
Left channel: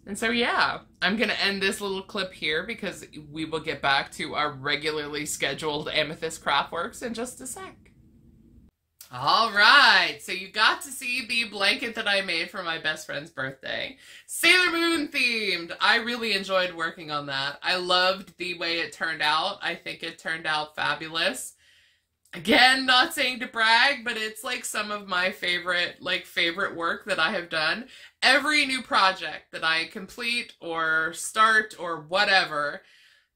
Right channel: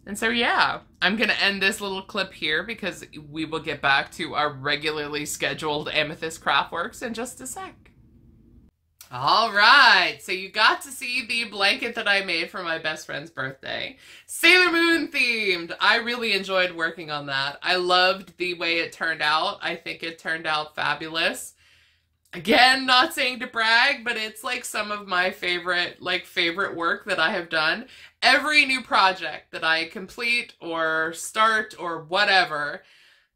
And so yeah, I'm going to end this little clip here because we will get back to our regularly scheduled Amethyst Craftworks in just a sec. Alright, so you got to see the blanket that I made for my best friend's birthday. Sailor Moon themed! I really enjoyed working on that. I loved the way it turned out. I think it turned out fabulous. Again, not saying to brag, but it's like some of my favorite work that I have done. Every new project that I complete or start or whatever,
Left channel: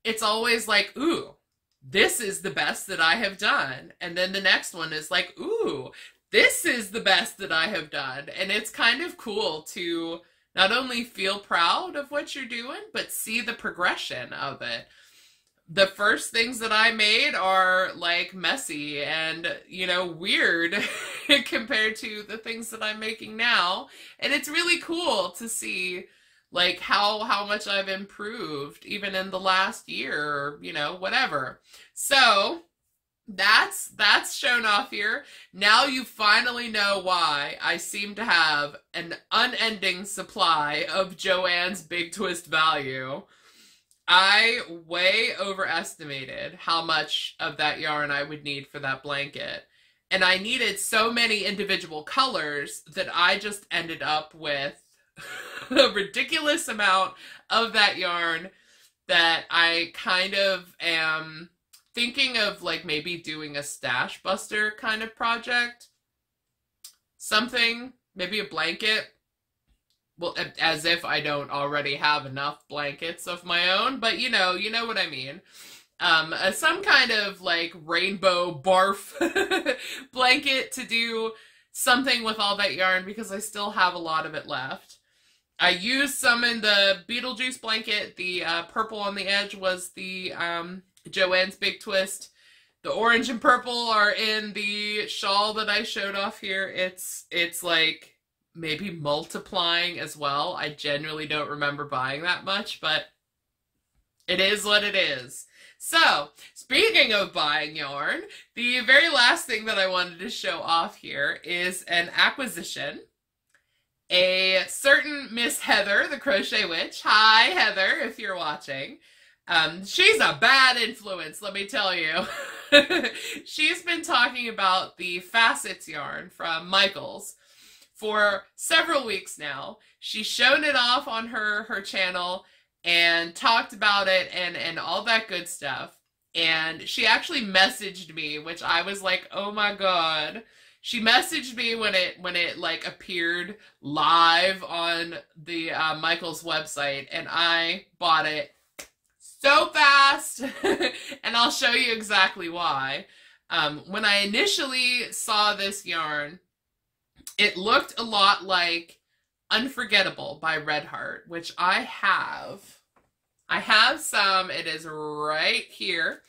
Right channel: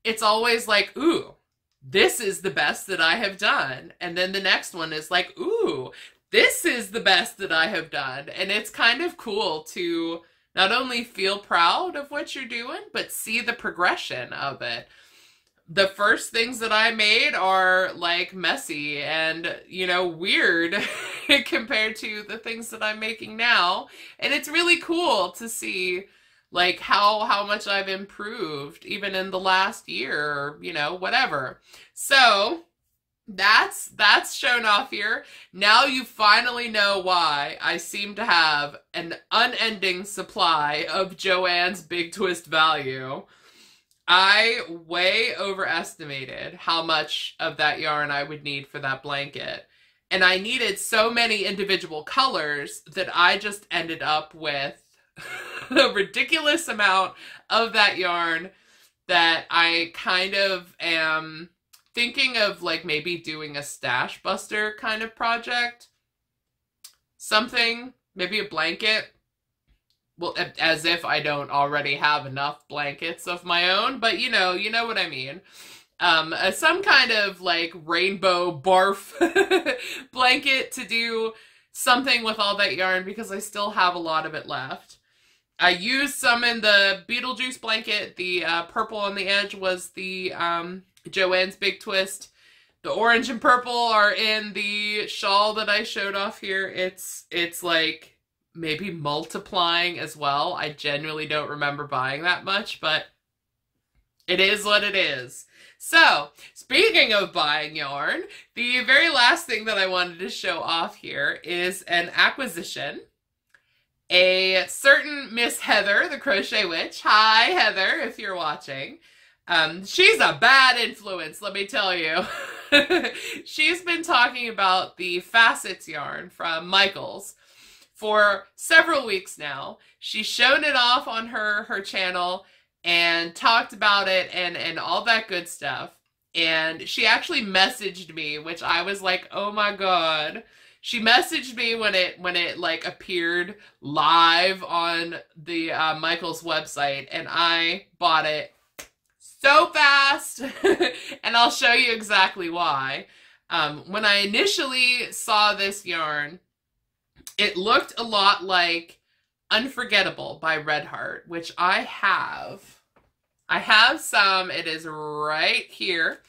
it's always like, ooh, this is the best that I have done. And then the next one is like, ooh, this is the best that I have done. And it's kind of cool to not only feel proud of what you're doing, but see the progression of it. The first things that I made are like messy and, you know, weird compared to the things that I'm making now. And it's really cool to see like how much I've improved even in the last year, or, you know, whatever. So that's shown off here. Now you finally know why I seem to have an unending supply of Joann's Big Twist value. I way overestimated how much of that yarn I would need for that blanket. And I needed so many individual colors that I just ended up with a ridiculous amount of that yarn that I kind of am thinking of like maybe doing a stash buster kind of project. Something, maybe a blanket well, as if I don't already have enough blankets of my own, but you know what I mean. Some kind of like rainbow barf blanket to do something with all that yarn because I still have a lot of it left. I used some in the Beetlejuice blanket. The purple on the edge was the Joanne's Big Twist. The orange and purple are in the shawl that I showed off here. It's like maybe multiplying as well. I genuinely don't remember buying that much, but it is what it is. So, speaking of buying yarn, the very last thing that I wanted to show off here is an acquisition. A certain Miss Heather, the Crochet Witch. Hi, Heather, if you're watching. She's a bad influence, let me tell you. She's been talking about the Facets yarn from Michaels for several weeks now. She's shown it off on her channel and talked about it and all that good stuff. And she actually messaged me, which I was like, oh my god. She messaged me when it like appeared live on the Michaels website, and I bought it so fast. And I'll show you exactly why. When I initially saw this yarn, it looked a lot like Unforgettable by Red Heart, which I have. I have some. It is right here.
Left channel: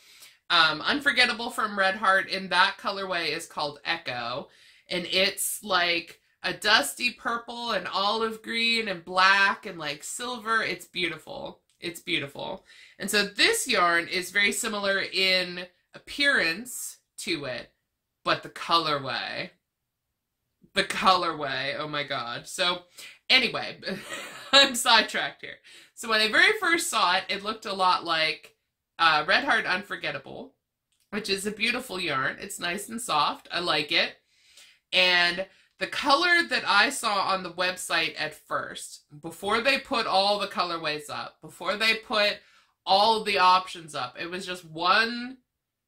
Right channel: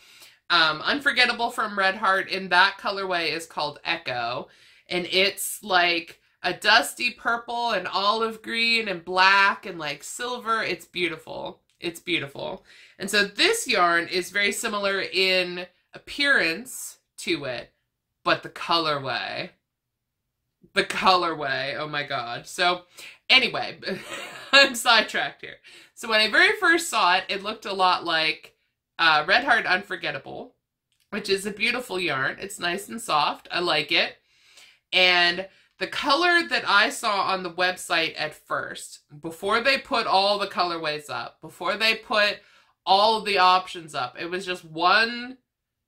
Unforgettable from Red Heart in that colorway is called Echo, and it's like a dusty purple and olive green and black and like silver. It's beautiful. It's beautiful. And so this yarn is very similar in appearance to it, but the colorway, oh my god. So anyway, I'm sidetracked here. So when I very first saw it, it looked a lot like Red Heart Unforgettable, which is a beautiful yarn. It's nice and soft. I like it. And the color that I saw on the website at first, before they put all the colorways up, before they put all of the options up, it was just one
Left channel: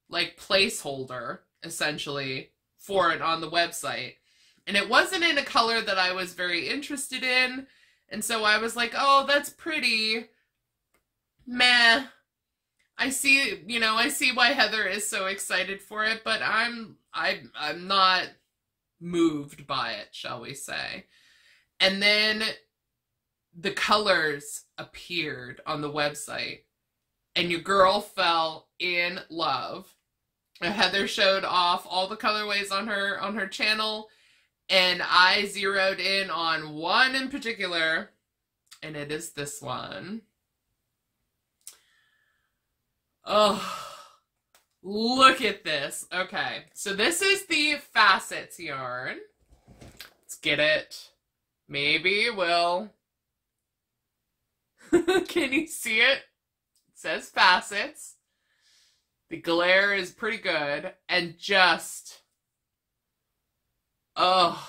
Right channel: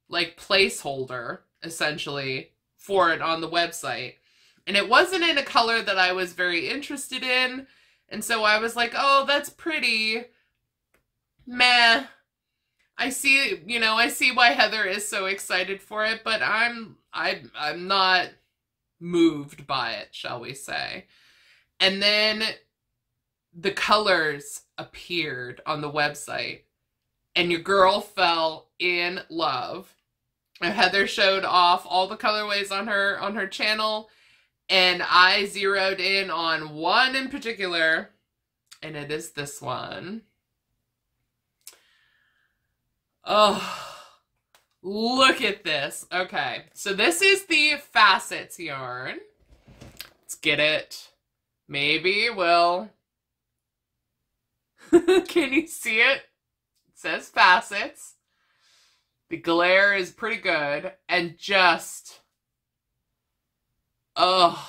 like placeholder essentially for it on the website. And it wasn't in a color that I was very interested in. And so I was like, oh, that's pretty. Meh. I see, I see why Heather is so excited for it, but I'm not moved by it, shall we say. And then the colors appeared on the website, and your girl fell in love. And Heather showed off all the colorways on her channel, and I zeroed in on one in particular, and it is this one. Oh, look at this. Okay, so this is the Facets yarn. Let's get it. Maybe we'll... Can you see it? It says Facets. The glare is pretty good. And just... Oh,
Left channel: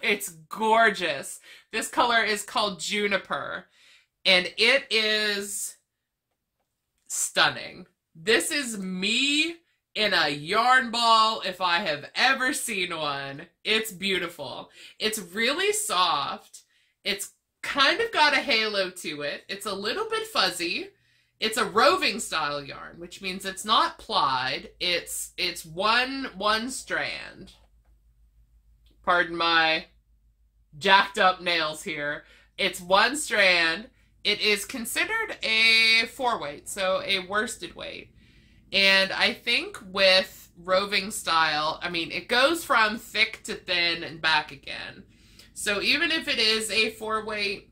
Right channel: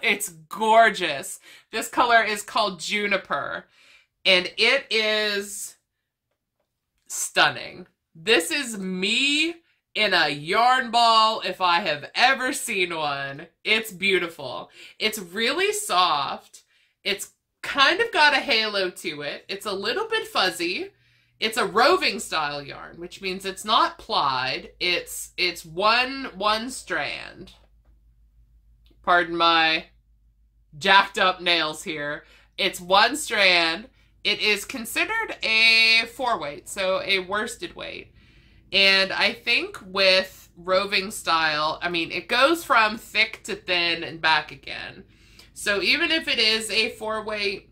it's gorgeous. This color is called Juniper, and it is stunning. This is me in a yarn ball if I have ever seen one. It's beautiful. It's really soft. It's kind of got a halo to it. It's a little bit fuzzy. It's a roving style yarn, which means it's not plied. It's one strand. Pardon my jacked up nails here. It's one strand. It is considered a 4-weight, so a worsted weight. And I think with roving style, I mean, it goes from thick to thin and back again. So even if it is a 4-weight,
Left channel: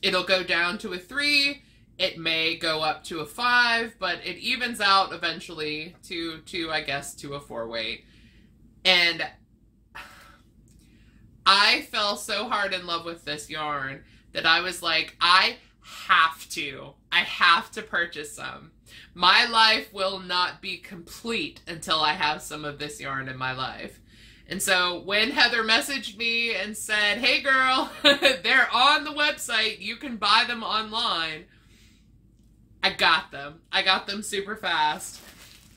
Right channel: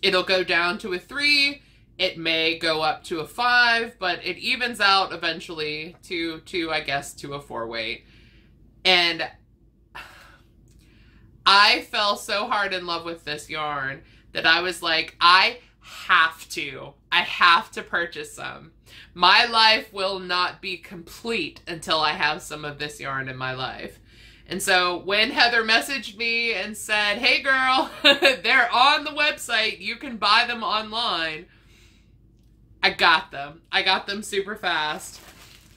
it'll go down to a 3. It may go up to a 5, but it evens out eventually to I guess, to a 4-weight. And I fell so hard in love with this yarn that I was like, I have to purchase some. My life will not be complete until I have some of this yarn in my life. And so when Heather messaged me and said, hey girl, they're on the website, you can buy them online, I got them. I got them super fast.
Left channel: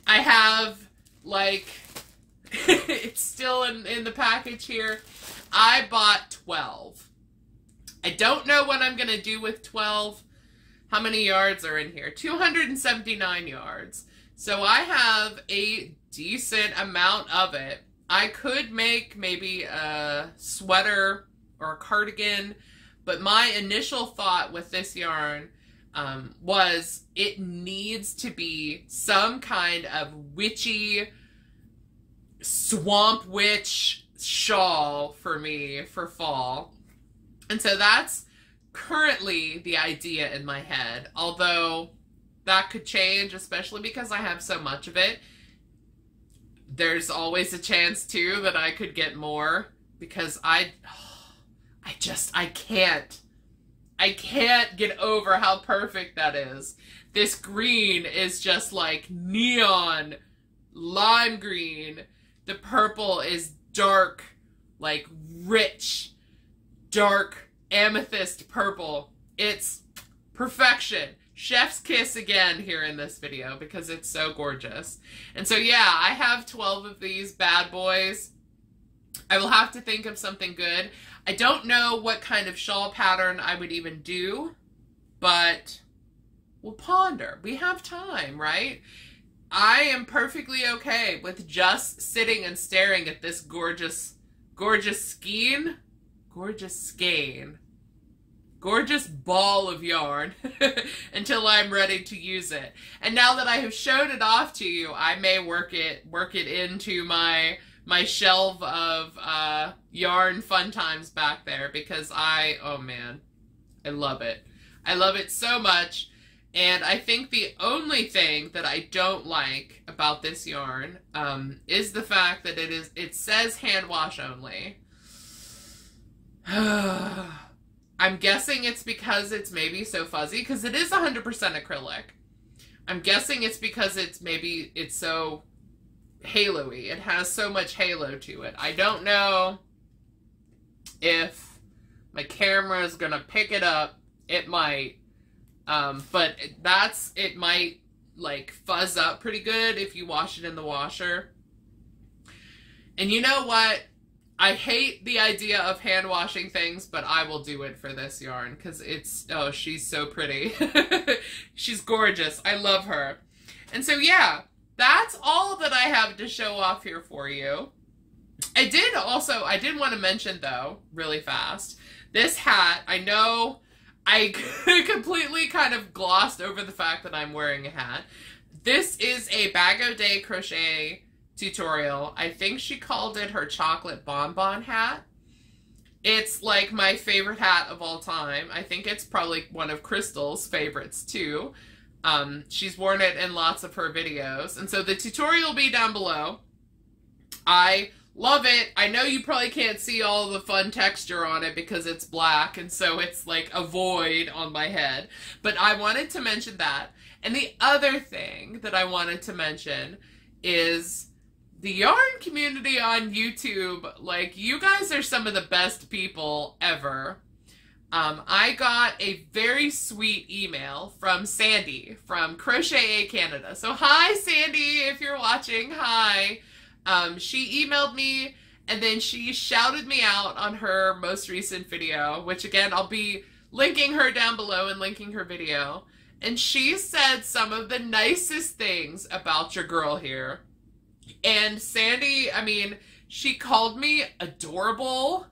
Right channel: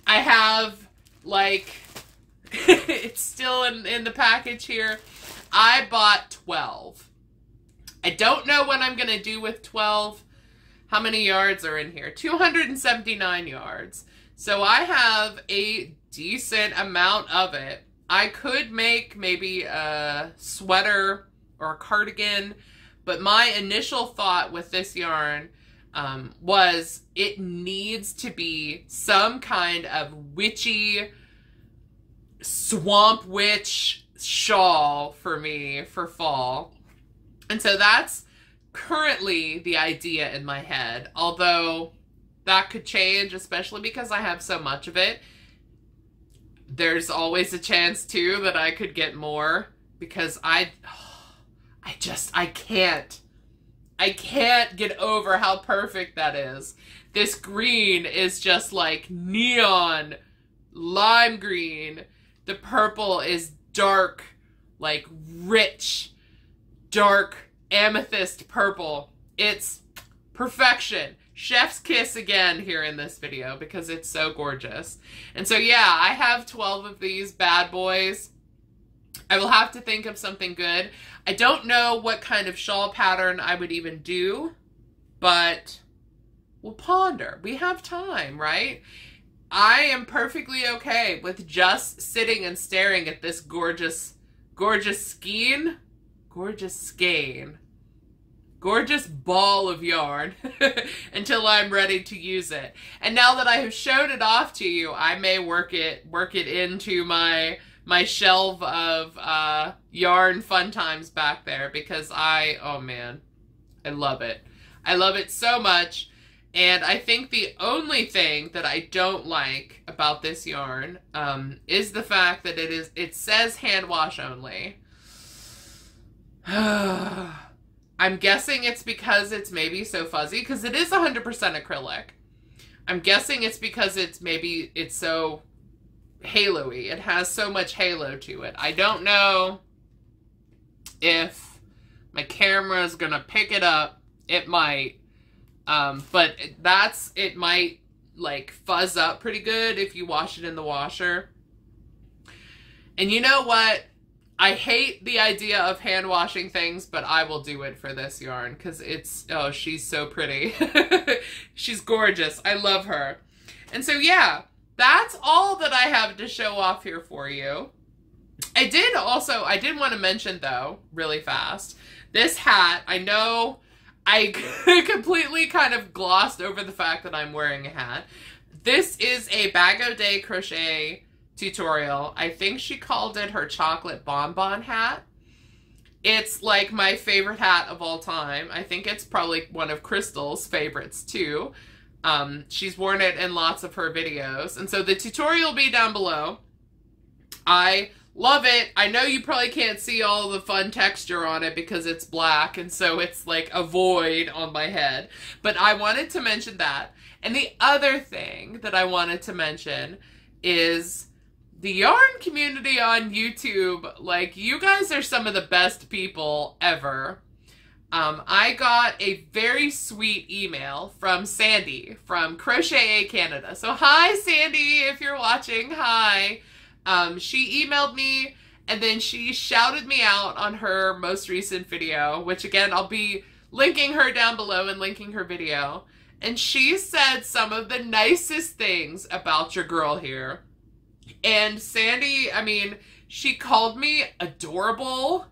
I have, like, it's still in the package here. I bought 12. I don't know what I'm going to do with 12. How many yards are in here? 279 yards. So I have a decent amount of it. I could make maybe a sweater or a cardigan, but my initial thought with this yarn was it needs to be some kind of witchy swamp witch shawl for me for fall. And so that's currently the idea in my head, although that could change, especially because I have so much of it. There's always a chance too that I could get more, because I can't get over how perfect that is. This green is just like neon lime green. The purple is dark, like rich, dark amethyst purple. It's perfection. Chef's kiss again here in this video because it's so gorgeous. And so yeah, I have 12 of these bad boys. I will have to think of something good. I don't know what kind of shawl pattern I would even do, but we'll ponder. We have time, right? I am perfectly okay with just sitting and staring at this gorgeous skein. Gorgeous ball of yarn until I'm ready to use it. And now that I have shown it off to you, I may work it into my shelf of yarn fun times back there, because oh man, I love it. I love it so much. And I think the only thing that I don't like about this yarn is the fact that it says hand wash only. I'm guessing it's because it's maybe so fuzzy, because it is 100% acrylic. I'm guessing it's because it's so halo-y. It has so much halo to it. I don't know if my camera is gonna pick it up. It might, but it might like fuzz up pretty good if you wash it in the washer. And you know what? I hate the idea of hand washing things, but I will do it for this yarn because oh, she's so pretty. She's gorgeous. I love her. And so yeah, that's all that I have to show off here for you. I did want to mention though, really fast, this hat. I know I completely kind of glossed over the fact that I'm wearing a hat. This is a Bag O' Day crochet tutorial. I think she called it her chocolate bonbon hat. It's like my favorite hat of all time. I think it's probably one of Crystal's favorites too. She's worn it in lots of her videos. And so the tutorial will be down below. I love it. I know you probably can't see all the fun texture on it because it's black, and so it's like a void on my head. But I wanted to mention that. And the other thing that I wanted to mention is the yarn community on YouTube. Like, you guys are some of the best people ever. I got a very sweet email from Sandy from Crochet Canada. So hi, Sandy, if you're watching, hi. She emailed me, and then she shouted me out on her most recent video, which again, I'll be linking her down below and linking her video. And she said some of the nicest things about your girl here. And Sandy, I mean, she called me adorable.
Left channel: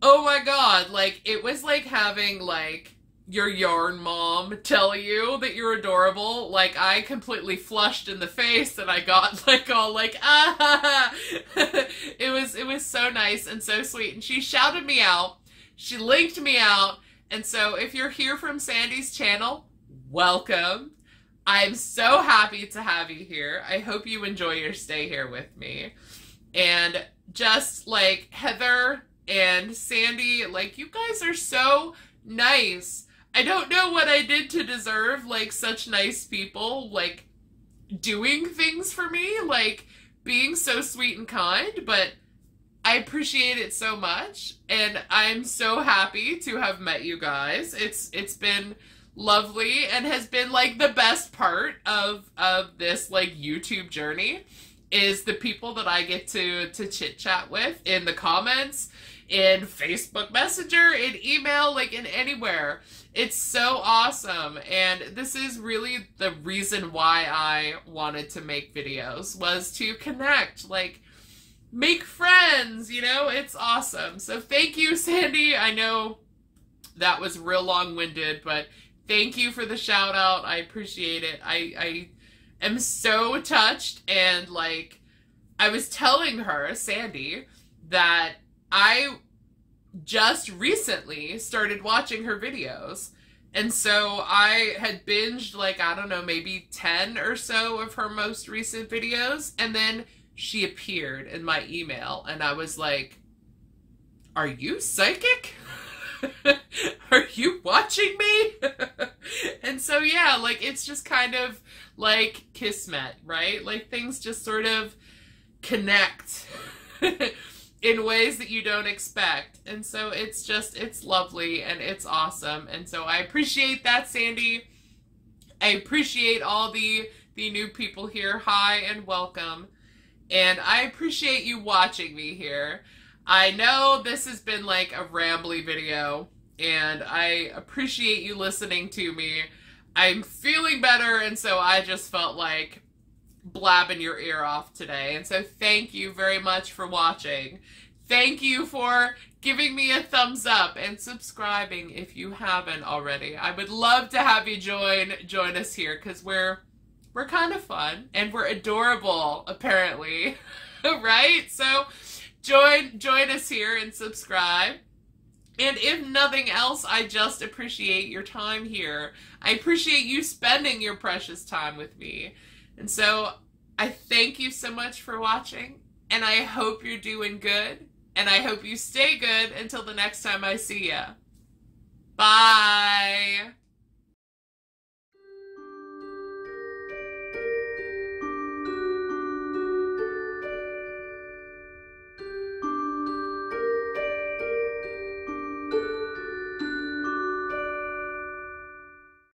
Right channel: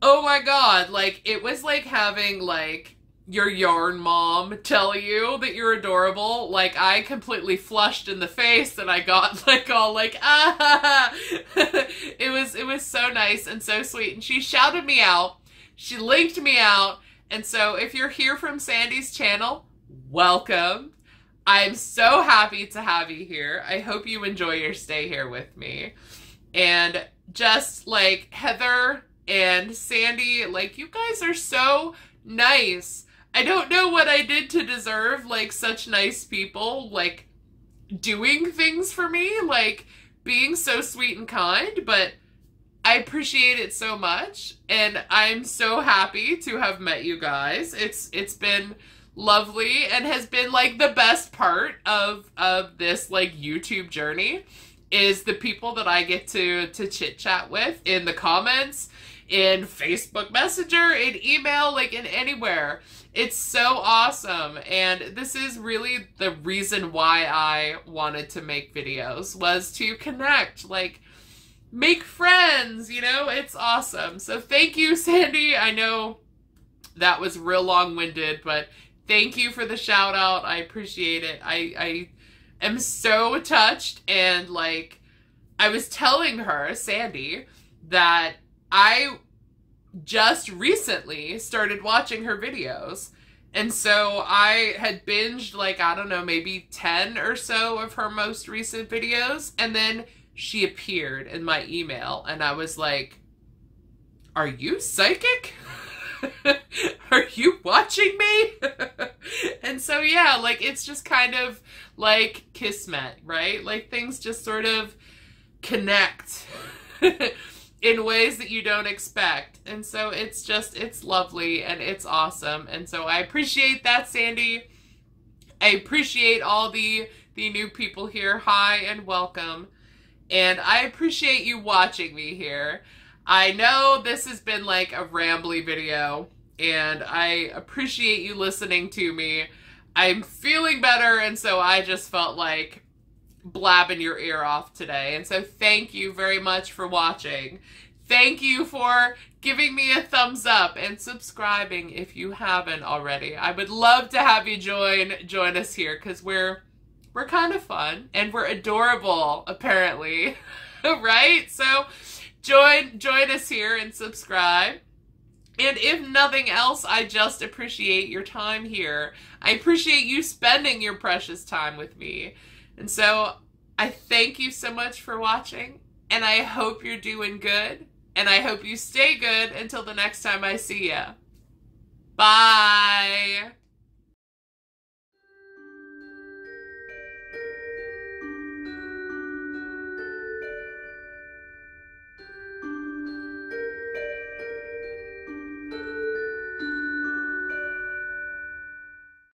Oh my god, like, it was like having, like, your yarn mom tell you that you're adorable. Like, I completely flushed in the face, and I got, like, all like, ah! It was so nice and so sweet. And she shouted me out. She linked me out. And so if you're here from Sandy's channel, welcome. I'm so happy to have you here. I hope you enjoy your stay here with me. And just like Heather and Sandy, like, you guys are so nice. I don't know what I did to deserve, like, such nice people, like, doing things for me, like, being so sweet and kind, but I appreciate it so much, and I'm so happy to have met you guys. It's been lovely and has been, like, the best part of this, like, YouTube journey is the people that I get to chit-chat with in the comments, in Facebook Messenger, in email, like in anywhere. It's so awesome. And this is really the reason why I wanted to make videos, was to connect, like make friends, you know? It's awesome. So thank you, Sandy. I know that was real long-winded, but thank you for the shout out. I appreciate it. I am so touched, and like I was telling her, Sandy, that I just recently started watching her videos. And so I had binged like, I don't know, maybe 10 or so of her most recent videos. And then she appeared in my email and I was like, are you psychic? Are you watching me? And so, yeah, like it's just kind of like kismet, right? Like things just sort of connect in ways that you don't expect. And so it's just, it's lovely and it's awesome. And so I appreciate that, Sandy. I appreciate all the new people here. Hi and welcome. And I appreciate you watching me here. I know this has been like a rambly video, and I appreciate you listening to me. I'm feeling better, and so I just felt like blabbing your ear off today. And so thank you very much for watching. Thank you for giving me a thumbs up and subscribing if you haven't already. I would love to have you join us here, because we're kind of fun and we're adorable, apparently. Right? So join us here and subscribe. And if nothing else, I just appreciate your time here. I appreciate you spending your precious time with me. And so I thank you so much for watching, and I hope you're doing good, and I hope you stay good until the next time I see ya. Bye.